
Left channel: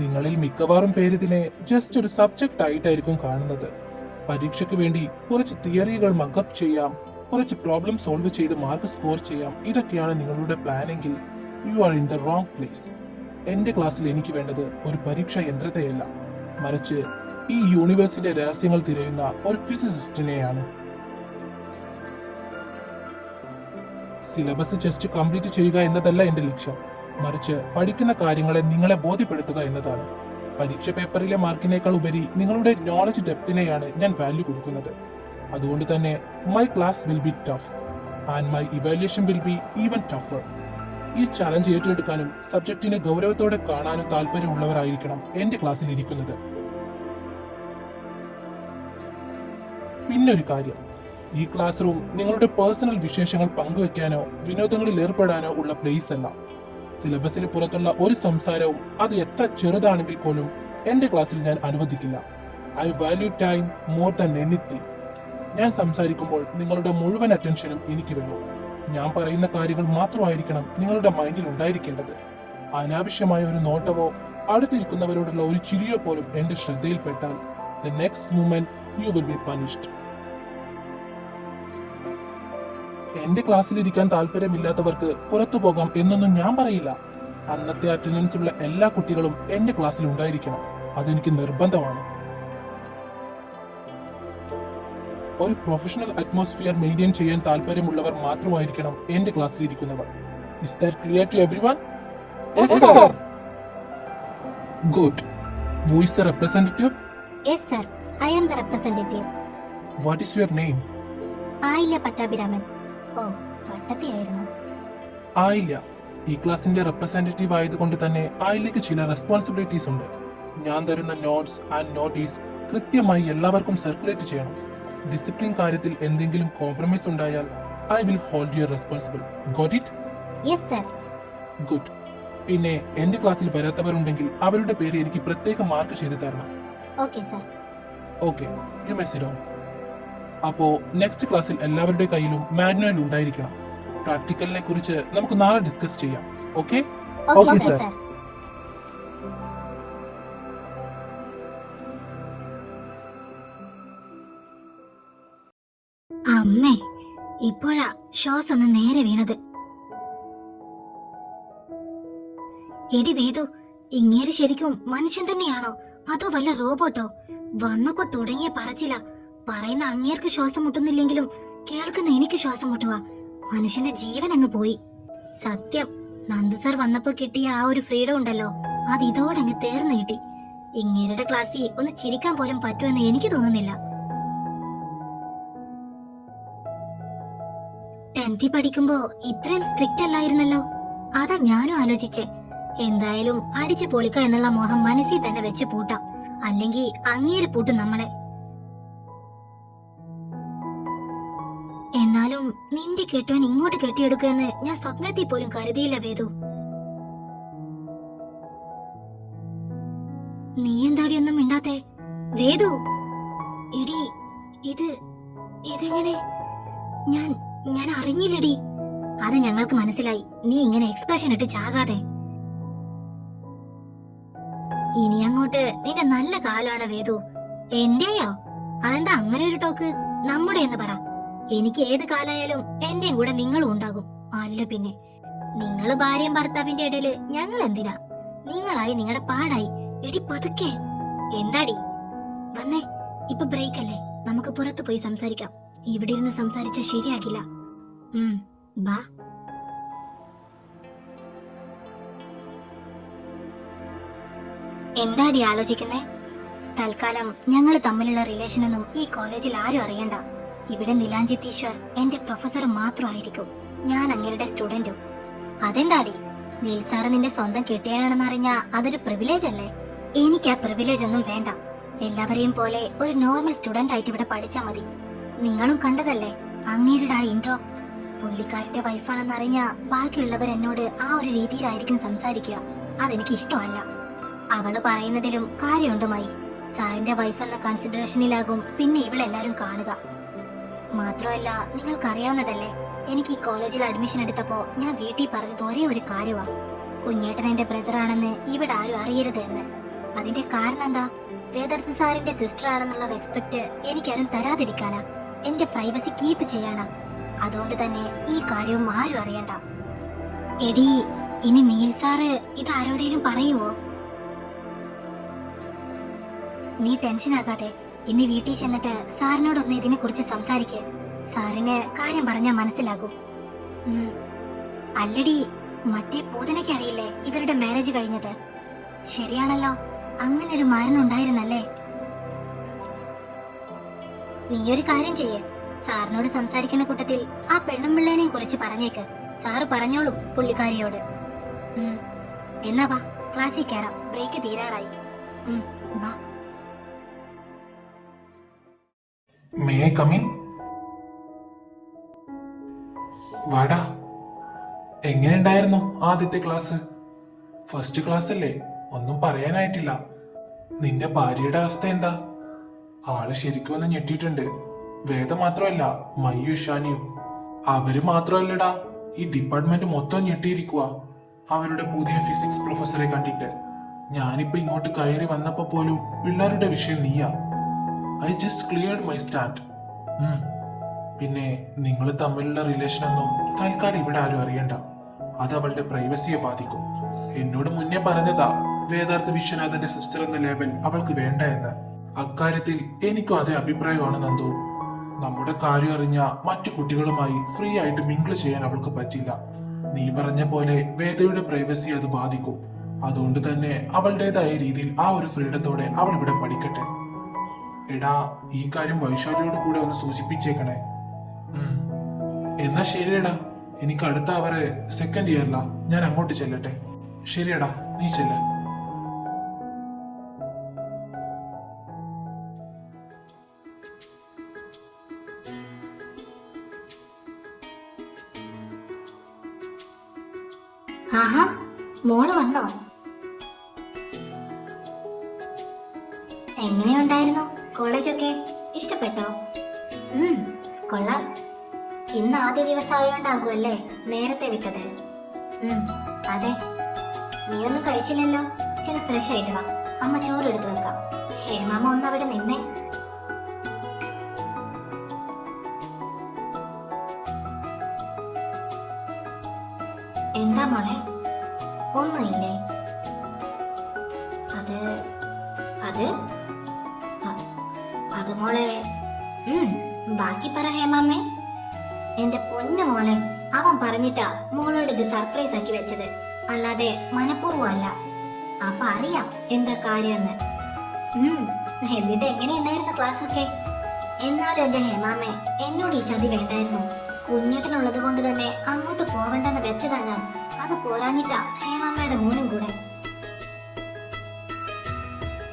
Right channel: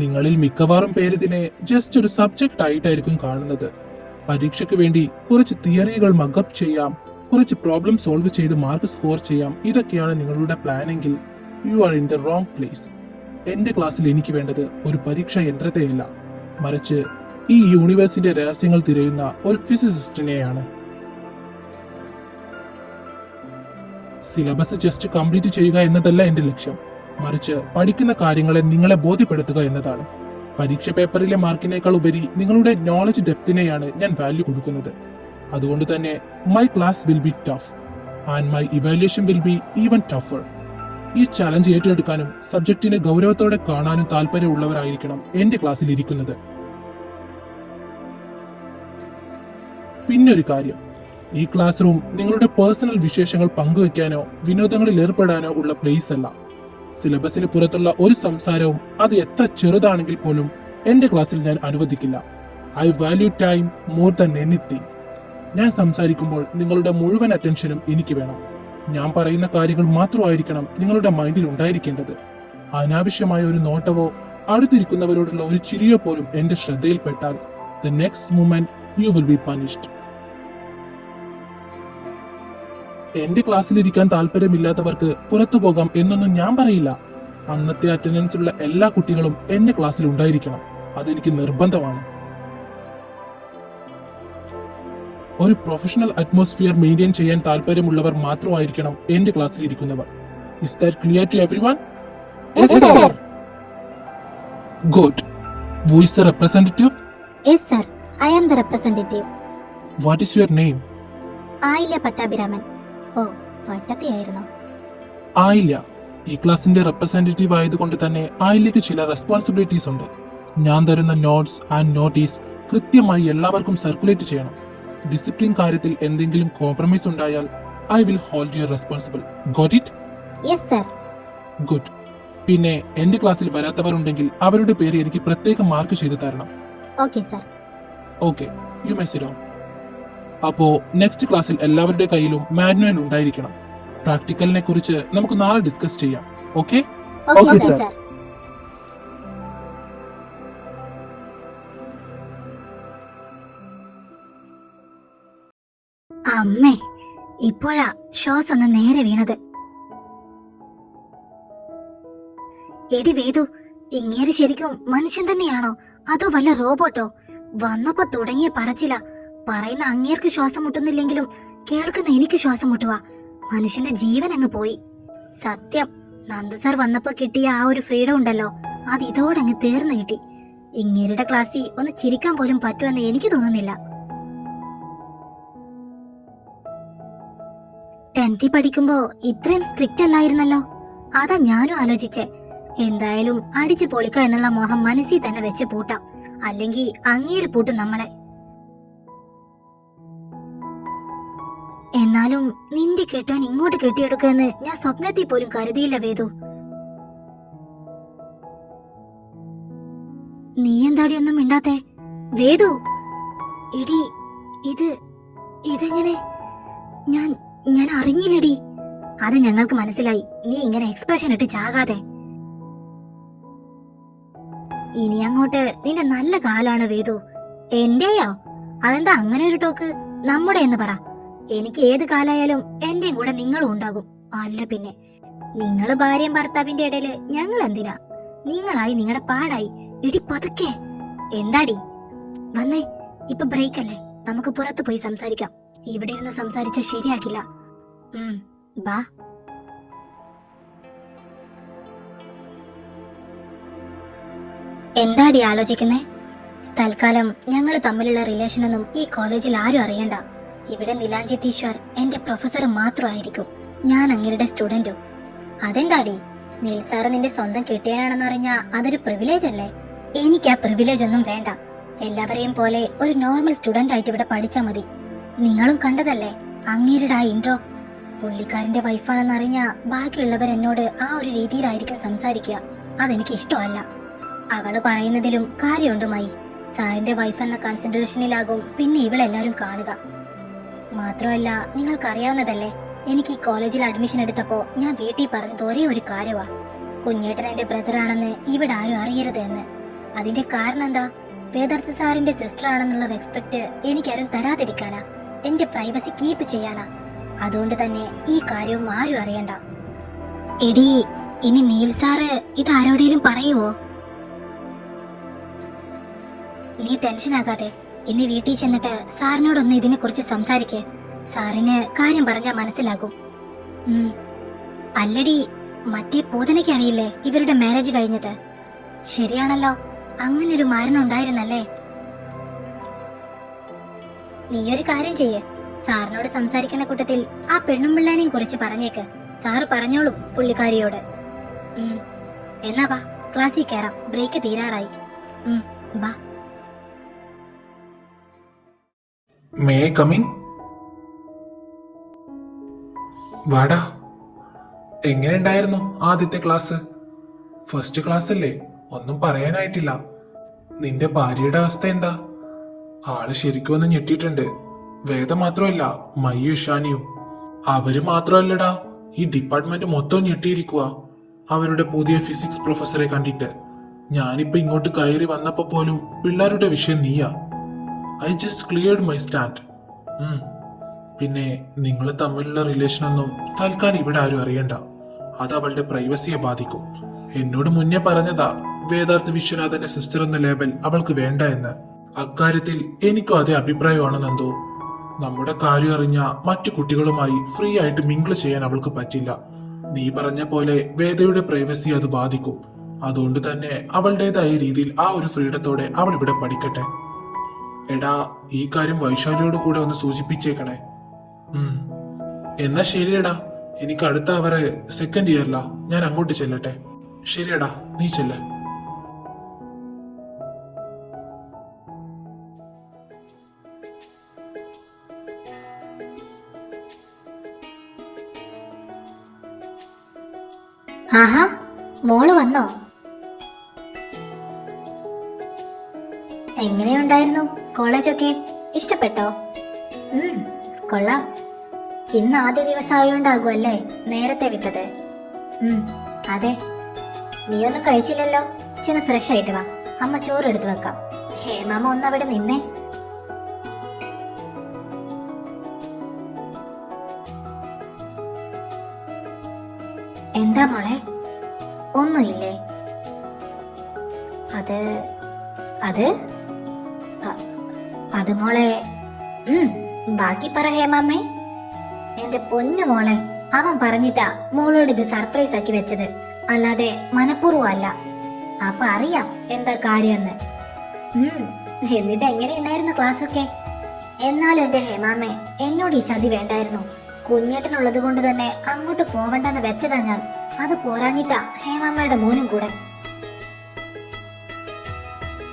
നിങ്ങളിൽ മിക്കവാറും പേര് ഇതിനെ ജസ്റ്റ് ഒരു സബ്ജക്റ്റ് ആയിട്ടായിരിക്കും കാണുന്നത്. പരീക്ഷയ്ക്ക് വേണ്ടി കുറച്ച് തിയറികൾ മഗപ്പ് ചെയ്യാം, കുറച്ച് പ്രോബ്ലം സോൾവ് ചെയ്ത് മാർക്ക് സ്കോർ ചെയ്യാം, ഇതൊക്കെയാണ് നിങ്ങളുടെ പ്ലാനെങ്കിൽ you are in the wrong place. എന്റെ ക്ലാസ്സിൽ എനിക്ക് വേണ്ടത് ഒരു പരീക്ഷാ യന്ത്രത്തെയല്ല, മറിച്ച് ഈ യൂണിവേഴ്സിന്റെ രഹസ്യങ്ങൾ തിരയുന്ന ഒരു ഫിസിസിസ്റ്റിനെയാണ്. സിലബസ് ജസ്റ്റ് കംപ്ലീറ്റ് ചെയ്യുക എന്നതല്ല എന്റെ ലക്ഷ്യം, മറിച്ച് പഠിക്കുന്ന കാര്യങ്ങളെ നിങ്ങളെ ബോധ്യപ്പെടുത്തുക എന്നതാണ്. പരീക്ഷ പേപ്പറിലെ മാർക്കിനേക്കാൾ ഉപരി നിങ്ങളുടെ നോളജ് ഡെപ്തിനെയാണ് ഞാൻ വാല്യൂ കൊടുക്കുന്നത്. അതുകൊണ്ട് തന്നെ my class will be tough and my evaluation will be even tougher. ഈ ചലഞ്ച് ഏറ്റെടുക്കാനും സബ്ജക്റ്റിനെ ഗൗരവത്തോടെ കാണാനും താല്പര്യമുള്ളവരായിരിക്കണം എന്റെ ക്ലാസ്സിൽ ഇരിക്കുന്നത്. പിന്നൊരു കാര്യം, ഈ ക്ലാസ് റൂം നിങ്ങളുടെ പേഴ്സണൽ വിശേഷങ്ങൾ പങ്കുവയ്ക്കാനോ വിനോദങ്ങളിൽ ഏർപ്പെടാനോ ഉള്ള പ്ലേസ് അല്ല. സിലബസിന് പുറത്തുള്ള ഒരു സംസാരവും, അത് എത്ര ചെറുതാണെങ്കിൽ പോലും എന്റെ ക്ലാസ്സിൽ ഞാൻ അനുവദിക്കില്ല. I value time more than anything. ഞാൻ സംസാരിക്കുമ്പോൾ നിങ്ങളുടെ മുഴുവൻ അറ്റൻഷനും എനിക്ക് വേണം. ഞാൻ പറയുന്ന കാര്യങ്ങൾ മാത്രമായിരിക്കണം നിങ്ങളുടെ മൈൻഡിൽ ഉണ്ടായിരിക്കേണ്ടത്. അനാവശ്യമായ ഒരു നോട്ടവോ അടുത്തിരിക്കുന്നവരോടുള്ള ഒരു ചിരിയോ പോലും എന്റെ ശ്രദ്ധയിൽപ്പെട്ടാൽ the next moment you will be punished. എന്റെ ക്ലാസ്സിലിരിക്കാൻ താല്പര്യമില്ലാത്തവർക്ക് പുറത്തു പോകാം എന്നൊന്നും ഞാൻ പറയില്ല. അന്നത്തെ അറ്റൻഡൻസിലുള്ള എല്ലാ കുട്ടികളും എന്റെ ക്ലാസ്സിൽ ഉണ്ടായിരിക്കണം. അതെനിക്ക് നിർബന്ധമാണ്. ഒരു പ്രൊഫഷണൽ അറ്റ്മോസ്ഫിയർ മെയിൻറ്റെയിൻ ചെയ്യാൻ താല്പര്യമുള്ളവർ മാത്രമായിരിക്കണം എന്റെ ക്ലാസ്സിൽ ഇരിക്കുന്നവർ. Is that clear to everyone? Yes, sir. Good. Who is the representative? Yes, sir. I am the representative. What is your name? Ayilya Pattabhiraman. ഓ, വട്ടത്തിയായിരുന്നു. ആയില്യ ഈ ക്ലാസിന്റെ റെപ്രസെന്റേറ്റീവ് ആയതുകൊണ്ട് തന്നെ ആയില്യക്ക് ചില റെസ്പോൺസിബിലിറ്റീസ് ഉണ്ട്. ഞാൻ തരുന്ന നോട്ട്സ് ആൻഡ് നോട്ടീസ് കൃത്യമായി എല്ലാവർക്കും സർക്കുലേറ്റ് ചെയ്യണം. ഡിസിപ്ലിൻ കാര്യത്തിൽ എന്തെങ്കിലും കോംപ്രമൈസ് ഉണ്ടായാൽ I will hold U responsible. Got it? Yes sir. Good. പിന്നെ എന്റെ ക്ലാസ്സിൽ വരാത്തവരുണ്ടെങ്കിൽ അവരുടെ പേര് എനിക്ക് പ്രത്യേകം മാർക്ക് ചെയ്ത് തരണം. Okay sir. Okay, you may sit down. അപ്പോ നെക്സ്റ്റ് ക്ലാസ്സിൽ എല്ലാവരുടെ കയ്യിലും മാനുവൽ ഉണ്ടായിരിക്കണം. പ്രാക്ടിക്കലിനെ കുറിച്ച് നമുക്ക് നാളെ ഡിസ്കസ് ചെയ്യാം. ഓക്കെ? Okay sir. അമ്മേ, ഇപ്പോഴാ ശ്വാസം ഒന്ന് നേരെ വീണത്. എടി വേദു, ഇങ്ങേര് ശരിക്കും മനുഷ്യൻ തന്നെയാണോ അതോ വല്ല റോബോട്ടോ? വന്നപ്പോ തുടങ്ങിയ പറച്ചില. പറയുന്ന അങ്ങേർക്ക് ശ്വാസം മുട്ടുന്നില്ലെങ്കിലും കേൾക്കുന്ന എനിക്ക് ശ്വാസം മുട്ടുവാ. മനുഷ്യന്റെ ജീവൻ അങ്ങ് പോയി. സത്യം, നന്ദു സാർ വന്നപ്പോ കിട്ടിയ ആ ഒരു ഫ്രീഡം ഉണ്ടല്ലോ, അത് ഇതോടെ അങ്ങ് തീർന്നു കിട്ടി. ഇങ്ങേരുടെ ക്ലാസ്സിൽ ഒന്ന് ചിരിക്കാൻ പോലും പറ്റുമെന്ന് എനിക്ക് തോന്നുന്നില്ല. 10th പഠിക്കുമ്പോ ഇത്രയും സ്ട്രിക്റ്റ് അല്ലായിരുന്നല്ലോ. അതാ ഞാനും ആലോചിച്ചേ. എന്തായാലും അടിച്ചു പൊളിക്ക എന്നുള്ള മോഹം മനസ്സിൽ തന്നെ വെച്ച് പൂട്ടാം, അല്ലെങ്കിൽ അങ്ങേര് പൂട്ടും നമ്മളെ. എന്നാലും നിന്റെ കെട്ടാൻ ഇങ്ങോട്ട് കെട്ടിയെടുക്കുമെന്ന് ഞാൻ സ്വപ്നത്തിൽ പോലും കരുതിയില്ല വേദു. നീ എന്താടി ഒന്നും മിണ്ടാത്തെ? വേദു, എടി ഇതെങ്ങനെ? ഞാൻ അറിഞ്ഞില്ലടി. അത് ഞങ്ങൾക്ക് മനസ്സിലായി. നീ ഇങ്ങനെ എക്സ്പ്രഷൻ ഇട്ട് ചാകാതെ. ഇനി അങ്ങോട്ട് നിന്റെ നല്ല കാലാണ് വേദു. എന്റെയോ? അതെന്താ അങ്ങനെ ഒരു ടോക്ക്? നമ്മുടെ എന്ന് പറ. എനിക്ക് ഏത് കാലായാലും എന്റെ കൂടെ നിങ്ങളും ഉണ്ടാകും. അല്ല പിന്നെ, നിങ്ങള് ഭാര്യയും ഭർത്താവിന്റെ ഇടയില് ഞങ്ങൾ എന്തിനാ? നിങ്ങളായി നിങ്ങളുടെ പാടായി. ഇടി പതുക്കെ. എന്താടി? വന്നേ, ഇപ്പൊ ബ്രേക്ക് അല്ലേ, നമുക്ക് പുറത്ത് പോയി സംസാരിക്കാം. ഇവിടെ ഇരുന്ന് സംസാരിച്ച ശരിയാക്കില്ല. ബാ. എന്താടി ആലോചിക്കുന്നേ? തൽക്കാലം ഞങ്ങൾ തമ്മിലുള്ള റിലേഷനൊന്നും ഈ കോളേജിൽ ആരും അറിയണ്ട. ഇവിടെ നിലാഞ്ജിത്ത് ഈശ്വർ എന്റെ പ്രൊഫസർ മാത്രമായിരിക്കും, ഞാൻ അങ്ങേരുടെ സ്റ്റുഡന്റും. അതെന്താടി? നീൽ സാറ് നിന്റെ സ്വന്തം കെട്ടിയാണെന്ന് അറിഞ്ഞാ അതൊരു പ്രിവിലേജ് അല്ലേ? എനിക്ക് ആ പ്രിവിലേജ് ഒന്നും വേണ്ട. എല്ലാവരെയും പോലെ ഒരു നോർമൽ സ്റ്റുഡന്റ് ആയിട്ട് ഇവിടെ പഠിച്ചാ മതി. നിങ്ങളും കണ്ടതല്ലേ അങ്ങേരുടെ ആ ഇൻട്രോ. പുള്ളിക്കാരന്റെ വൈഫാണെന്ന് അറിഞ്ഞാ ബാക്കിയുള്ളവർ എന്നോട് ആ ഒരു രീതിയിലായിരിക്കും സംസാരിക്കുക. അതെനിക്ക് ഇഷ്ടമല്ല. അവള് പറയുന്നതിലും കാര്യമുണ്ടുമായി. സാറിന്റെ വൈഫ് എന്ന കൺസിഡറേഷനിലാകും പിന്നെ ഇവളെല്ലാരും കാണുക. മാത്രമല്ല, നിങ്ങൾക്കറിയാവുന്നതല്ലേ, എനിക്ക് ഈ കോളേജിൽ അഡ്മിഷൻ എടുത്തപ്പോ ഞാൻ വീട്ടിൽ പറഞ്ഞത് ഒരേ ഒരു കാര്യമാ, കുഞ്ഞേട്ടൻ എന്റെ ബ്രദറാണെന്ന് ഇവിടെ ആരും അറിയരുത് എന്ന്. അതിന്റെ കാരണം എന്താ? വേദാർത്ഥ സാറിന്റെ സിസ്റ്റർ ആണെന്നുള്ള റെസ്പെക്ട് എനിക്കാരും തരാതിരിക്കാനാ, എന്റെ പ്രൈവസി കീപ്പ് ചെയ്യാനാ. അതുകൊണ്ട് തന്നെ ഈ കാര്യവും ആരും അറിയണ്ട. എടി, ഇനി നീൽ സാറ് ഇത് ആരോടേലും പറയുവോ? നീ ടെൻഷൻ ആകാതെ ഇന്ന് വീട്ടിൽ ചെന്നിട്ട് സാറിനോടൊന്ന് ഇതിനെ കുറിച്ച് സംസാരിക്കേ. സാറിന് കാര്യം പറഞ്ഞാൽ മനസ്സിലാകും. അല്ലടി, മറ്റേ പൂതനയ്ക്ക് അറിയില്ലേ ഇവരുടെ മാരേജ് കഴിഞ്ഞത്? ശരിയാണല്ലോ, അങ്ങനൊരു മരണം ഉണ്ടായിരുന്നല്ലേ? നീയൊരു കാര്യം ചെയ്യേ, സാറിനോട് സംസാരിക്കുന്ന കൂട്ടത്തിൽ ആ പെണ്ണുമ്പിള്ളേനെയും കുറിച്ച് പറഞ്ഞേക്ക്. സാറ് പറഞ്ഞോളും പുള്ളിക്കാരിയോട്. എന്നാ വാ, ക്ലാസ്സിൽ കയറാം, ബ്രേക്ക് തീരാറായി. ബാ. May I come in? വാടാ. എങ്ങനെയുണ്ടായിരുന്നു ആദ്യത്തെ ക്ലാസ്? ഫസ്റ്റ് ക്ലാസ് അല്ലേ, ഒന്നും പറയാനായിട്ടില്ല. നിന്റെ ഭാര്യയുടെ അവസ്ഥ എന്താ? ആള് ശരിക്കും ഒന്ന് ഞെട്ടിയിട്ടുണ്ട്. വേദം മാത്രമല്ല, മയ്യു ഇഷാനിയും. അവര് മാത്രമല്ലടാ, ഈ ഡിപ്പാർട്ട്മെന്റ് മൊത്തം ഞെട്ടിയിരിക്കുക അവരുടെ പുതിയ ഫിസിക്സ് പ്രൊഫസറെ കണ്ടിട്ട്. ഞാനിപ്പോ ഇങ്ങോട്ട് കയറി വന്നപ്പോ പോലും പിള്ളേരുടെ വിഷയം നീയാ. I just cleared my stand. പിന്നെ നിങ്ങൾ തമ്മിലുള്ള റിലേഷൻ ഒന്നും തൽക്കാലം ഇവിടെ ആരും അറിയണ്ട. അത് അവളുടെ പ്രൈവസിയെ ബാധിക്കും. എന്നോട് മുന്നേ പറഞ്ഞതാ വേദാർത്ഥ വിശ്വനാഥന്റെ സിസ്റ്റർ എന്ന ലേബൽ അവൾക്ക് വേണ്ട എന്ന്. അക്കാര്യത്തിൽ എനിക്കും അതേ അഭിപ്രായമാണെന്നെന്തോ. നമ്മുടെ കാര്യം അറിഞ്ഞ മറ്റു കുട്ടികളുമായി ഫ്രീ ആയിട്ട് മിങ്കിൾ ചെയ്യാൻ അവൾക്ക് പറ്റില്ല. നീ പറഞ്ഞ പോലെ വേദയുടെ പ്രൈവസി അത് ബാധിക്കും. അതുകൊണ്ട് തന്നെ അവളുടേതായ രീതിയിൽ ആ ഒരു ഫ്രീഡത്തോടെ അവൾ ഇവിടെ പഠിക്കട്ടെ. എടാ, ഈ കാര്യം വൈശാലിയോട് കൂടെ ഒന്ന് സൂചിപ്പിച്ചേക്കണേ. എന്നാ ശരിയടാ, എനിക്ക് അടുത്ത അവര് സെക്കൻഡ് ഇയറിലാ, ഞാൻ അങ്ങോട്ട് ചെല്ലട്ടെ. ശരിയടാ, നീ ചെല്ല്. ആഹാ, മോള് വന്നോ? എങ്ങനെയുണ്ടായിരുന്നു കോളേജൊക്കെ? ഇഷ്ടപ്പെട്ടോ? കൊള്ളാം. ഇന്ന് ആദ്യ ദിവസം ആയോണ്ടാകുമല്ലേ നേരത്തെ വിട്ടത്? അതെ. നീയൊന്നും കഴിച്ചില്ലല്ലോ. ചെന്ന് ഫ്രഷ് ആയിട്ട് വാ, അമ്മ ചോറ് എടുത്തു വെക്കാം. ഹേമാമ ഒന്ന് അവിടെ നിന്നേ. എന്താ മോളെ, ഒന്നുമില്ലേ? അത് അത് അത് മോളെ. ബാക്കി പറ ഹേമാമ്മേ. എന്റെ പൊന്നു മോളെ, അവൻ പറഞ്ഞിട്ടാ മോളോട് ഇത് സർപ്രൈസ് ആക്കി വെച്ചത്, അല്ലാതെ മനഃപൂർവ്വം അല്ല. അപ്പൊ അറിയാം എന്താ കാര്യമെന്ന്. എന്നിട്ട് എങ്ങനെയുണ്ടായിരുന്നു ക്ലാസ് ഒക്കെ? എന്നാലും എന്റെ ഹേമാമ്മേ, എന്നോട് ഈ ചതി വേണ്ടായിരുന്നു. കുഞ്ഞേട്ടനുള്ളത് കൊണ്ട് തന്നെ അങ്ങോട്ട് പോവണ്ടെന്ന് വെച്ചതാ ഞാൻ. അത് പോരാഞ്ഞിട്ടാ ഹേമാമ്മയുടെ മോനും കൂടെ.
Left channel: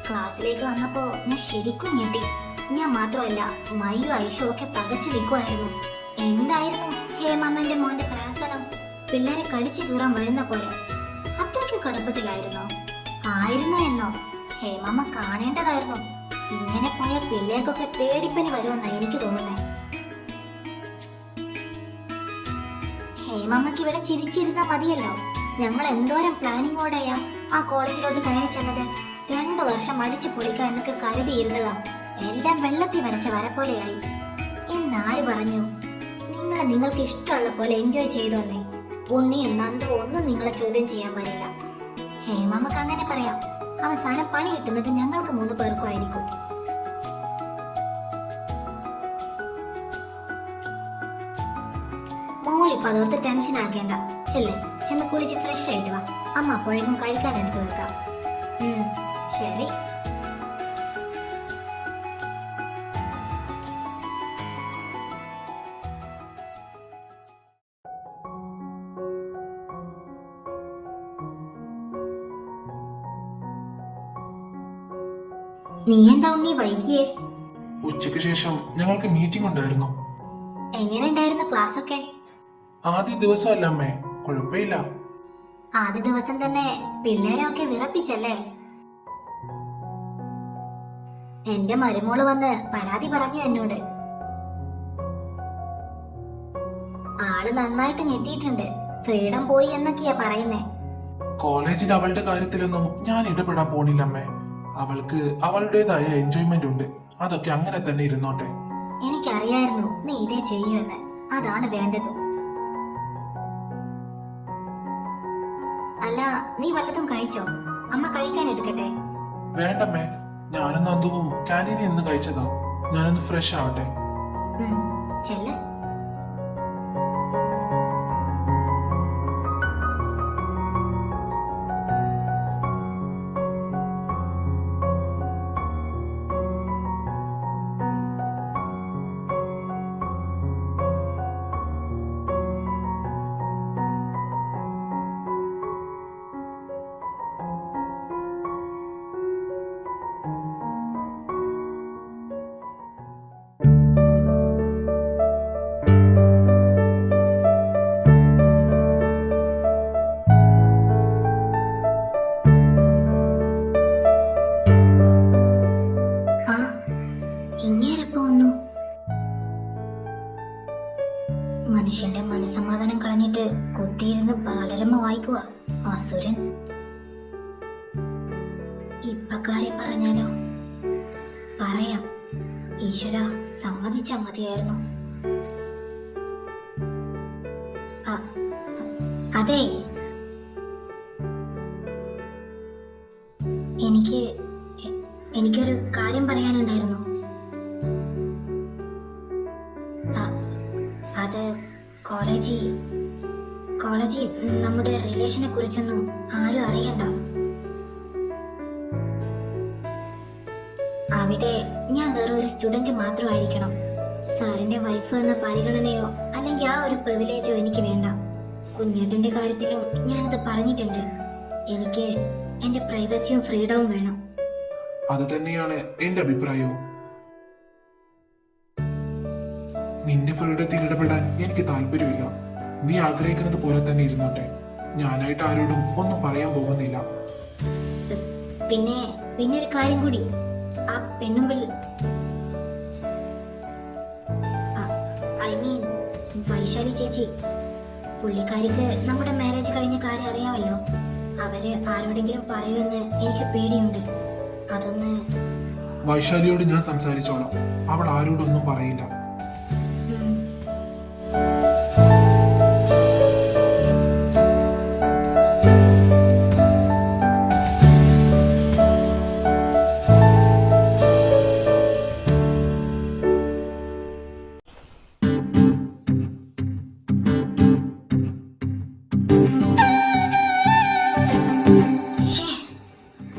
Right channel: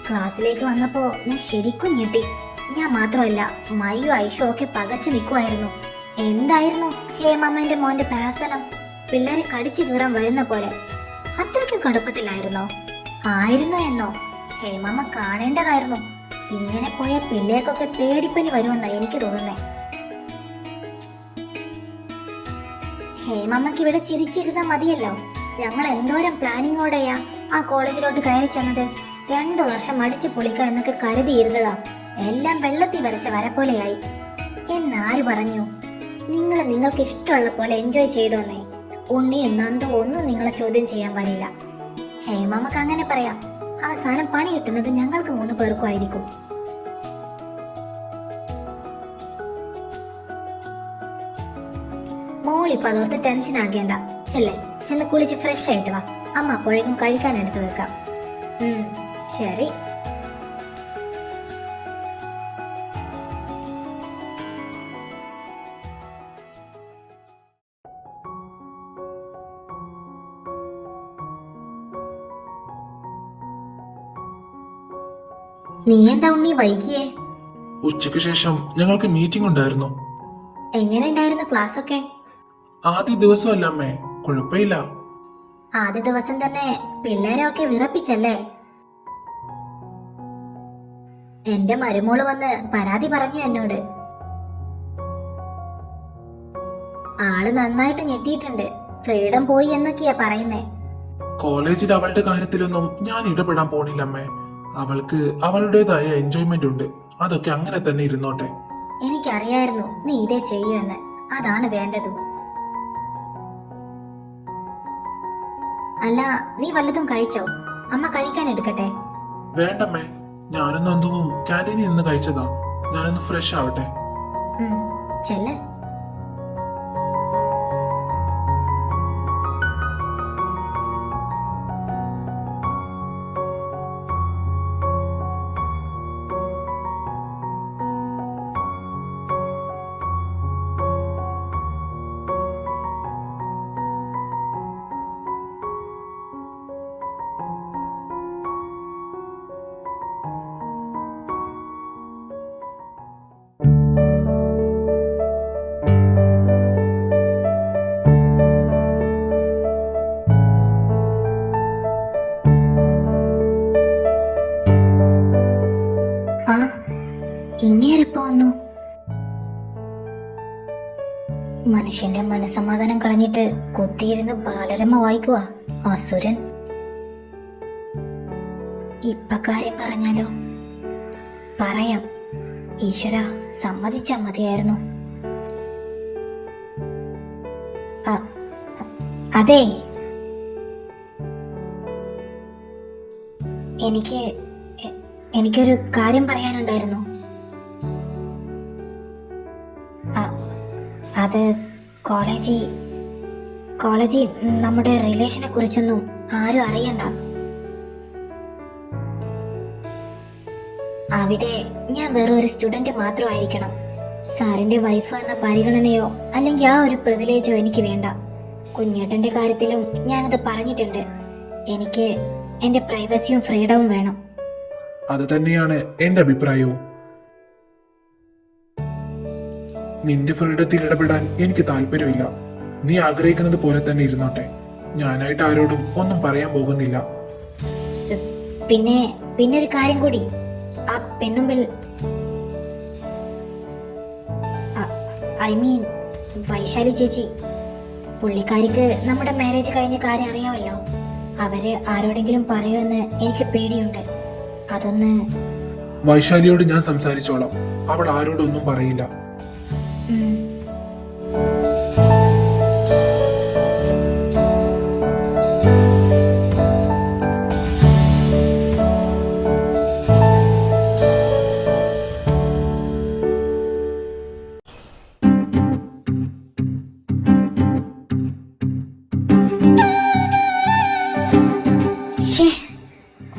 ക്ലാസ്സിലേക്ക് വന്നപ്പോ ഞാൻ ശരിക്കും ഞെട്ടി. ഞാൻ മാത്രമല്ല, മയ്യും ഐഷോ ഒക്കെ പകച്ചു നിൽക്കുമായിരുന്നു. എന്തായിരുന്നു ഹേമാമ്മന്റെ മോന്റെ പ്രഹസനം? പിള്ളേരെ കടിച്ചു കീറാൻ വരുന്ന പോലെ. അത്രയ്ക്കും കടുപ്പത്തിലായിരുന്നോ? ആയിരുന്നു എന്നോ? ഹേമാമ്മ കാണേണ്ടതായിരുന്നു. ഇങ്ങനെ പോയ പിള്ളേർക്കൊക്കെ പേടിപ്പനി വരുമെന്നാ എനിക്ക് തോന്നുന്നേ. ഹേമാമ്മക്ക് ഇവിടെ ചിരിച്ചിരുന്നാ മതിയല്ലോ. ഞങ്ങൾ എന്തോരം പ്ലാനിങ്ങോടെയാ ആ കോളേജിലോട്ട് കയറി ചെന്നത്. 2 വർഷം അടിച്ചു പൊളിക്കുക എന്നൊക്കെ കരുതിയിരുന്നതാ. എല്ലാം വെള്ളത്തിൽ വരച്ച വര പോലെയായി. എന്നാര് പറഞ്ഞു? നിങ്ങൾക്ക് ഇഷ്ടമുള്ള പോലെ എൻജോയ് ചെയ്തോന്നേ. ഉണ്ണിയും നന്ദു ഒന്നും നിങ്ങളെ ചോദ്യം ചെയ്യാൻ വരില്ല. ഹേമാമ്മക്ക് അങ്ങനെ പറയാം. അവസാനം പണി കിട്ടുന്നത് ഞങ്ങൾക്ക് 3 പേർക്കും ആയിരിക്കും. മോളിപ്പോ അതോർത്ത് ടെൻഷൻ ആകേണ്ട. ചെന്ന് കുളിച്ച് ഫ്രഷ് ആയിട്ട് വാ, അമ്മ അപ്പോഴേക്കും കഴിക്കാൻ എടുത്തു വെക്കാം. ശരി. നീ എന്താ ഉണ്ണി വൈകിയേ? ഉച്ചയ്ക്ക് ശേഷം ഞങ്ങൾക്ക് മീറ്റിംഗ് ഉണ്ടായിരുന്നു. എങ്ങനെ ഉണ്ടായിരുന്നു ക്ലാസ് ഒക്കെ? ആദ്യ ദിവസമല്ല അമ്മേ, കുഴപ്പമില്ല. ആദ്യ ദിവസം തന്നെ പിള്ളേരൊക്കെ വിറപ്പിച്ചല്ലേ? എന്റെ മരുമോള് വന്ന് പരാതി പറഞ്ഞു എന്നോട്. ആള് നന്നായിട്ട് ഞെട്ടിയിട്ടുണ്ട്. ഫ്രീഡം പോയി എന്നൊക്കെയാ പറയുന്നേ. കോളേജിൽ അവളുടെ കാര്യത്തിലൊന്നും ഞാൻ ഇടപെടാൻ പോണില്ലമ്മേ. അവൾക്ക് അവളുടേതായ എൻജോയ്മെന്റ് ഉണ്ട്. അതൊക്കെ അങ്ങനെ തന്നെ ഇരുന്നോട്ടെ. എനിക്കറിയായിരുന്നു നീ ഇതേ ചെയ്യുമെന്ന്. അതാണ് വേണ്ടത്. അല്ല, നീ വല്ലതും കഴിച്ചോ? അമ്മ കഴിക്കാൻ എടുക്കട്ടെ? വേണ്ടമ്മേ, ഞാനും നന്ദുവും ക്യാൻറ്റീനിൽ നിന്ന് കഴിച്ചതാ. ഞാനൊന്ന് ഫ്രഷ് ആവട്ടെ. ചെല്ല്. കളഞ്ഞിട്ട് കുത്തിയിരുന്ന് ബാലരമ വായിക്കുക അസുരൻ. ഇപ്പൊ കാര്യം പറഞ്ഞാലോ? പറയാം. ഈശ്വര, സമ്മതിച്ചാ മതിയായിരുന്നു. അതെ, എനിക്കൊരു കാര്യം പറയാനുണ്ടായിരുന്നു. അത് കോളേജിൽ നമ്മുടെ റിലേഷനെ കുറിച്ചൊന്നും ആരും അറിയണ്ട. അവിടെ ഞാൻ വെറും ഒരു സ്റ്റുഡന്റ് മാത്രമായിരിക്കണം. സാറിന്റെ വൈഫ് എന്ന പരിഗണനയോ അല്ലെങ്കിൽ ആ ഒരു പ്രിവിലേജോ എനിക്ക് വേണ്ട. കുഞ്ഞേട്ടന്റെ കാര്യത്തിലും ഞാനത് പറഞ്ഞിട്ടുണ്ട്. എനിക്ക് എന്റെ പ്രൈവസിയും ഫ്രീഡവും വേണം. അത് തന്നെയാണ് എന്റെ അഭിപ്രായവും. നിന്റെ ഫ്രീഡത്തിൽ ഇടപെടാൻ എനിക്ക് താല്പര്യമില്ല. നീ ആഗ്രഹിക്കുന്നത് പോലെ തന്നെ ഇരുന്നോട്ടെ. ഞാനായിട്ട് ആരോടും ഒന്നും പറയാൻ പോകുന്നില്ല. പിന്നെ ഒരു കാര്യം കൂടി. ആ പെണ്ണുമ്പിൾ, ഐ മീൻ വൈശാലി ചേച്ചി, പുള്ളിക്കാരിക്ക് നമ്മുടെ മാരേജ് കഴിഞ്ഞ കാര്യം അറിയാമല്ലോ. അവര് ആരോടെങ്കിലും പറയുമെന്ന് എനിക്ക് പേടിയുണ്ട്. അതൊന്ന് വൈശാലിയോട് ഞാൻ സംസാരിച്ചോളാം. അവൾ ആരോടൊന്നും പറയില്ല.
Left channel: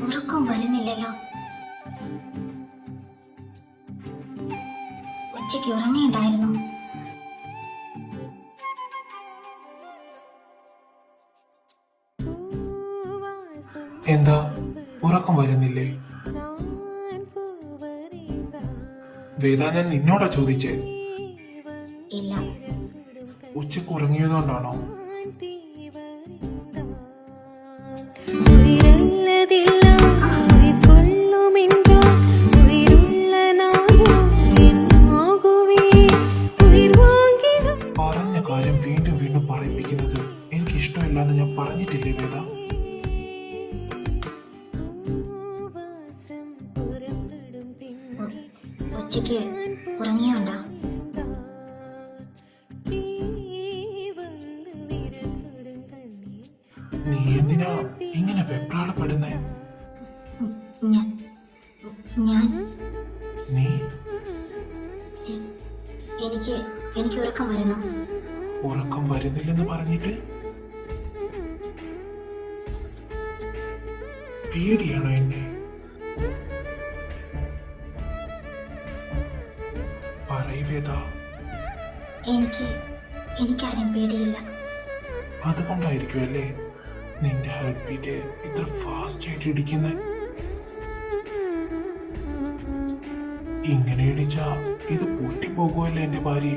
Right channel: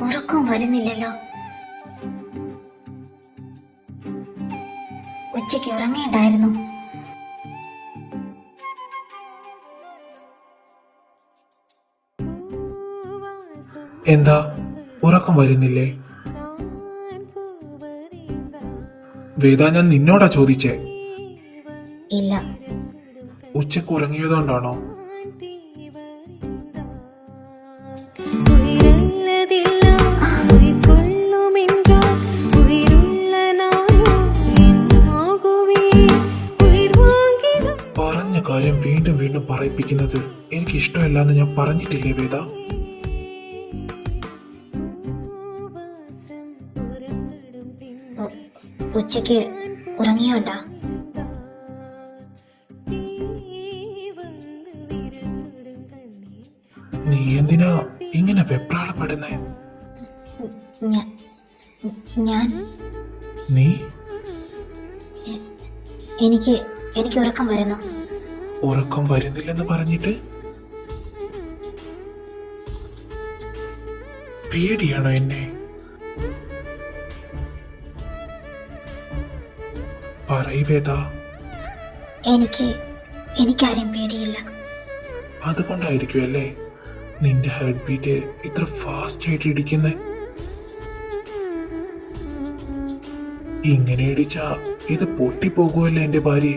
ഉറക്കം വരുന്നില്ലല്ലോ. ഉച്ചയ്ക്ക് ഉറങ്ങേണ്ടായിരുന്നു. എന്താ ഉറക്കം വരുന്നില്ലേ? വേദ, ഞാൻ നിന്നോടാ ചോദിച്ചേ. ഇല്ല. ഉച്ചക്ക് ഉറങ്ങിയതുകൊണ്ടാണോ? പറഞ്ഞ കാര്യം വീണ്ടും വീണ്ടും പറയിപ്പിക്കുന്നത് എനിക്ക് ഇഷ്ടമല്ലാന്ന് ഞാൻ പറഞ്ഞിട്ടില്ലേ വേദ? ഉച്ചയ്ക്ക് ഉറങ്ങിയോണ്ടാ? നീ എന്തിനാ ഇങ്ങനെ വെപ്രാളപ്പെടുന്നേ? ഞാൻ നീ എനിക്ക് ഉറക്കം വരുന്നു. ഉറക്കം വരുന്നില്ലെന്ന് പറഞ്ഞിട്ട് പേടിയാണോ എന്നെ? പറയ് വേദ. എനിക്കാരും പേടിയില്ല. അതുകൊണ്ടായിരിക്കും അല്ലേ നിന്റെ ഹാർട്ട് ബീറ്റ് ഇത്ര ഫാസ്റ്റ് ആയിട്ട് ഇടിക്കുന്നേ? ഇങ്ങനെ ഇടിച്ചാ ഇത് പൊട്ടിപ്പോകുമല്ലേ എന്റെ ഭാര്യ.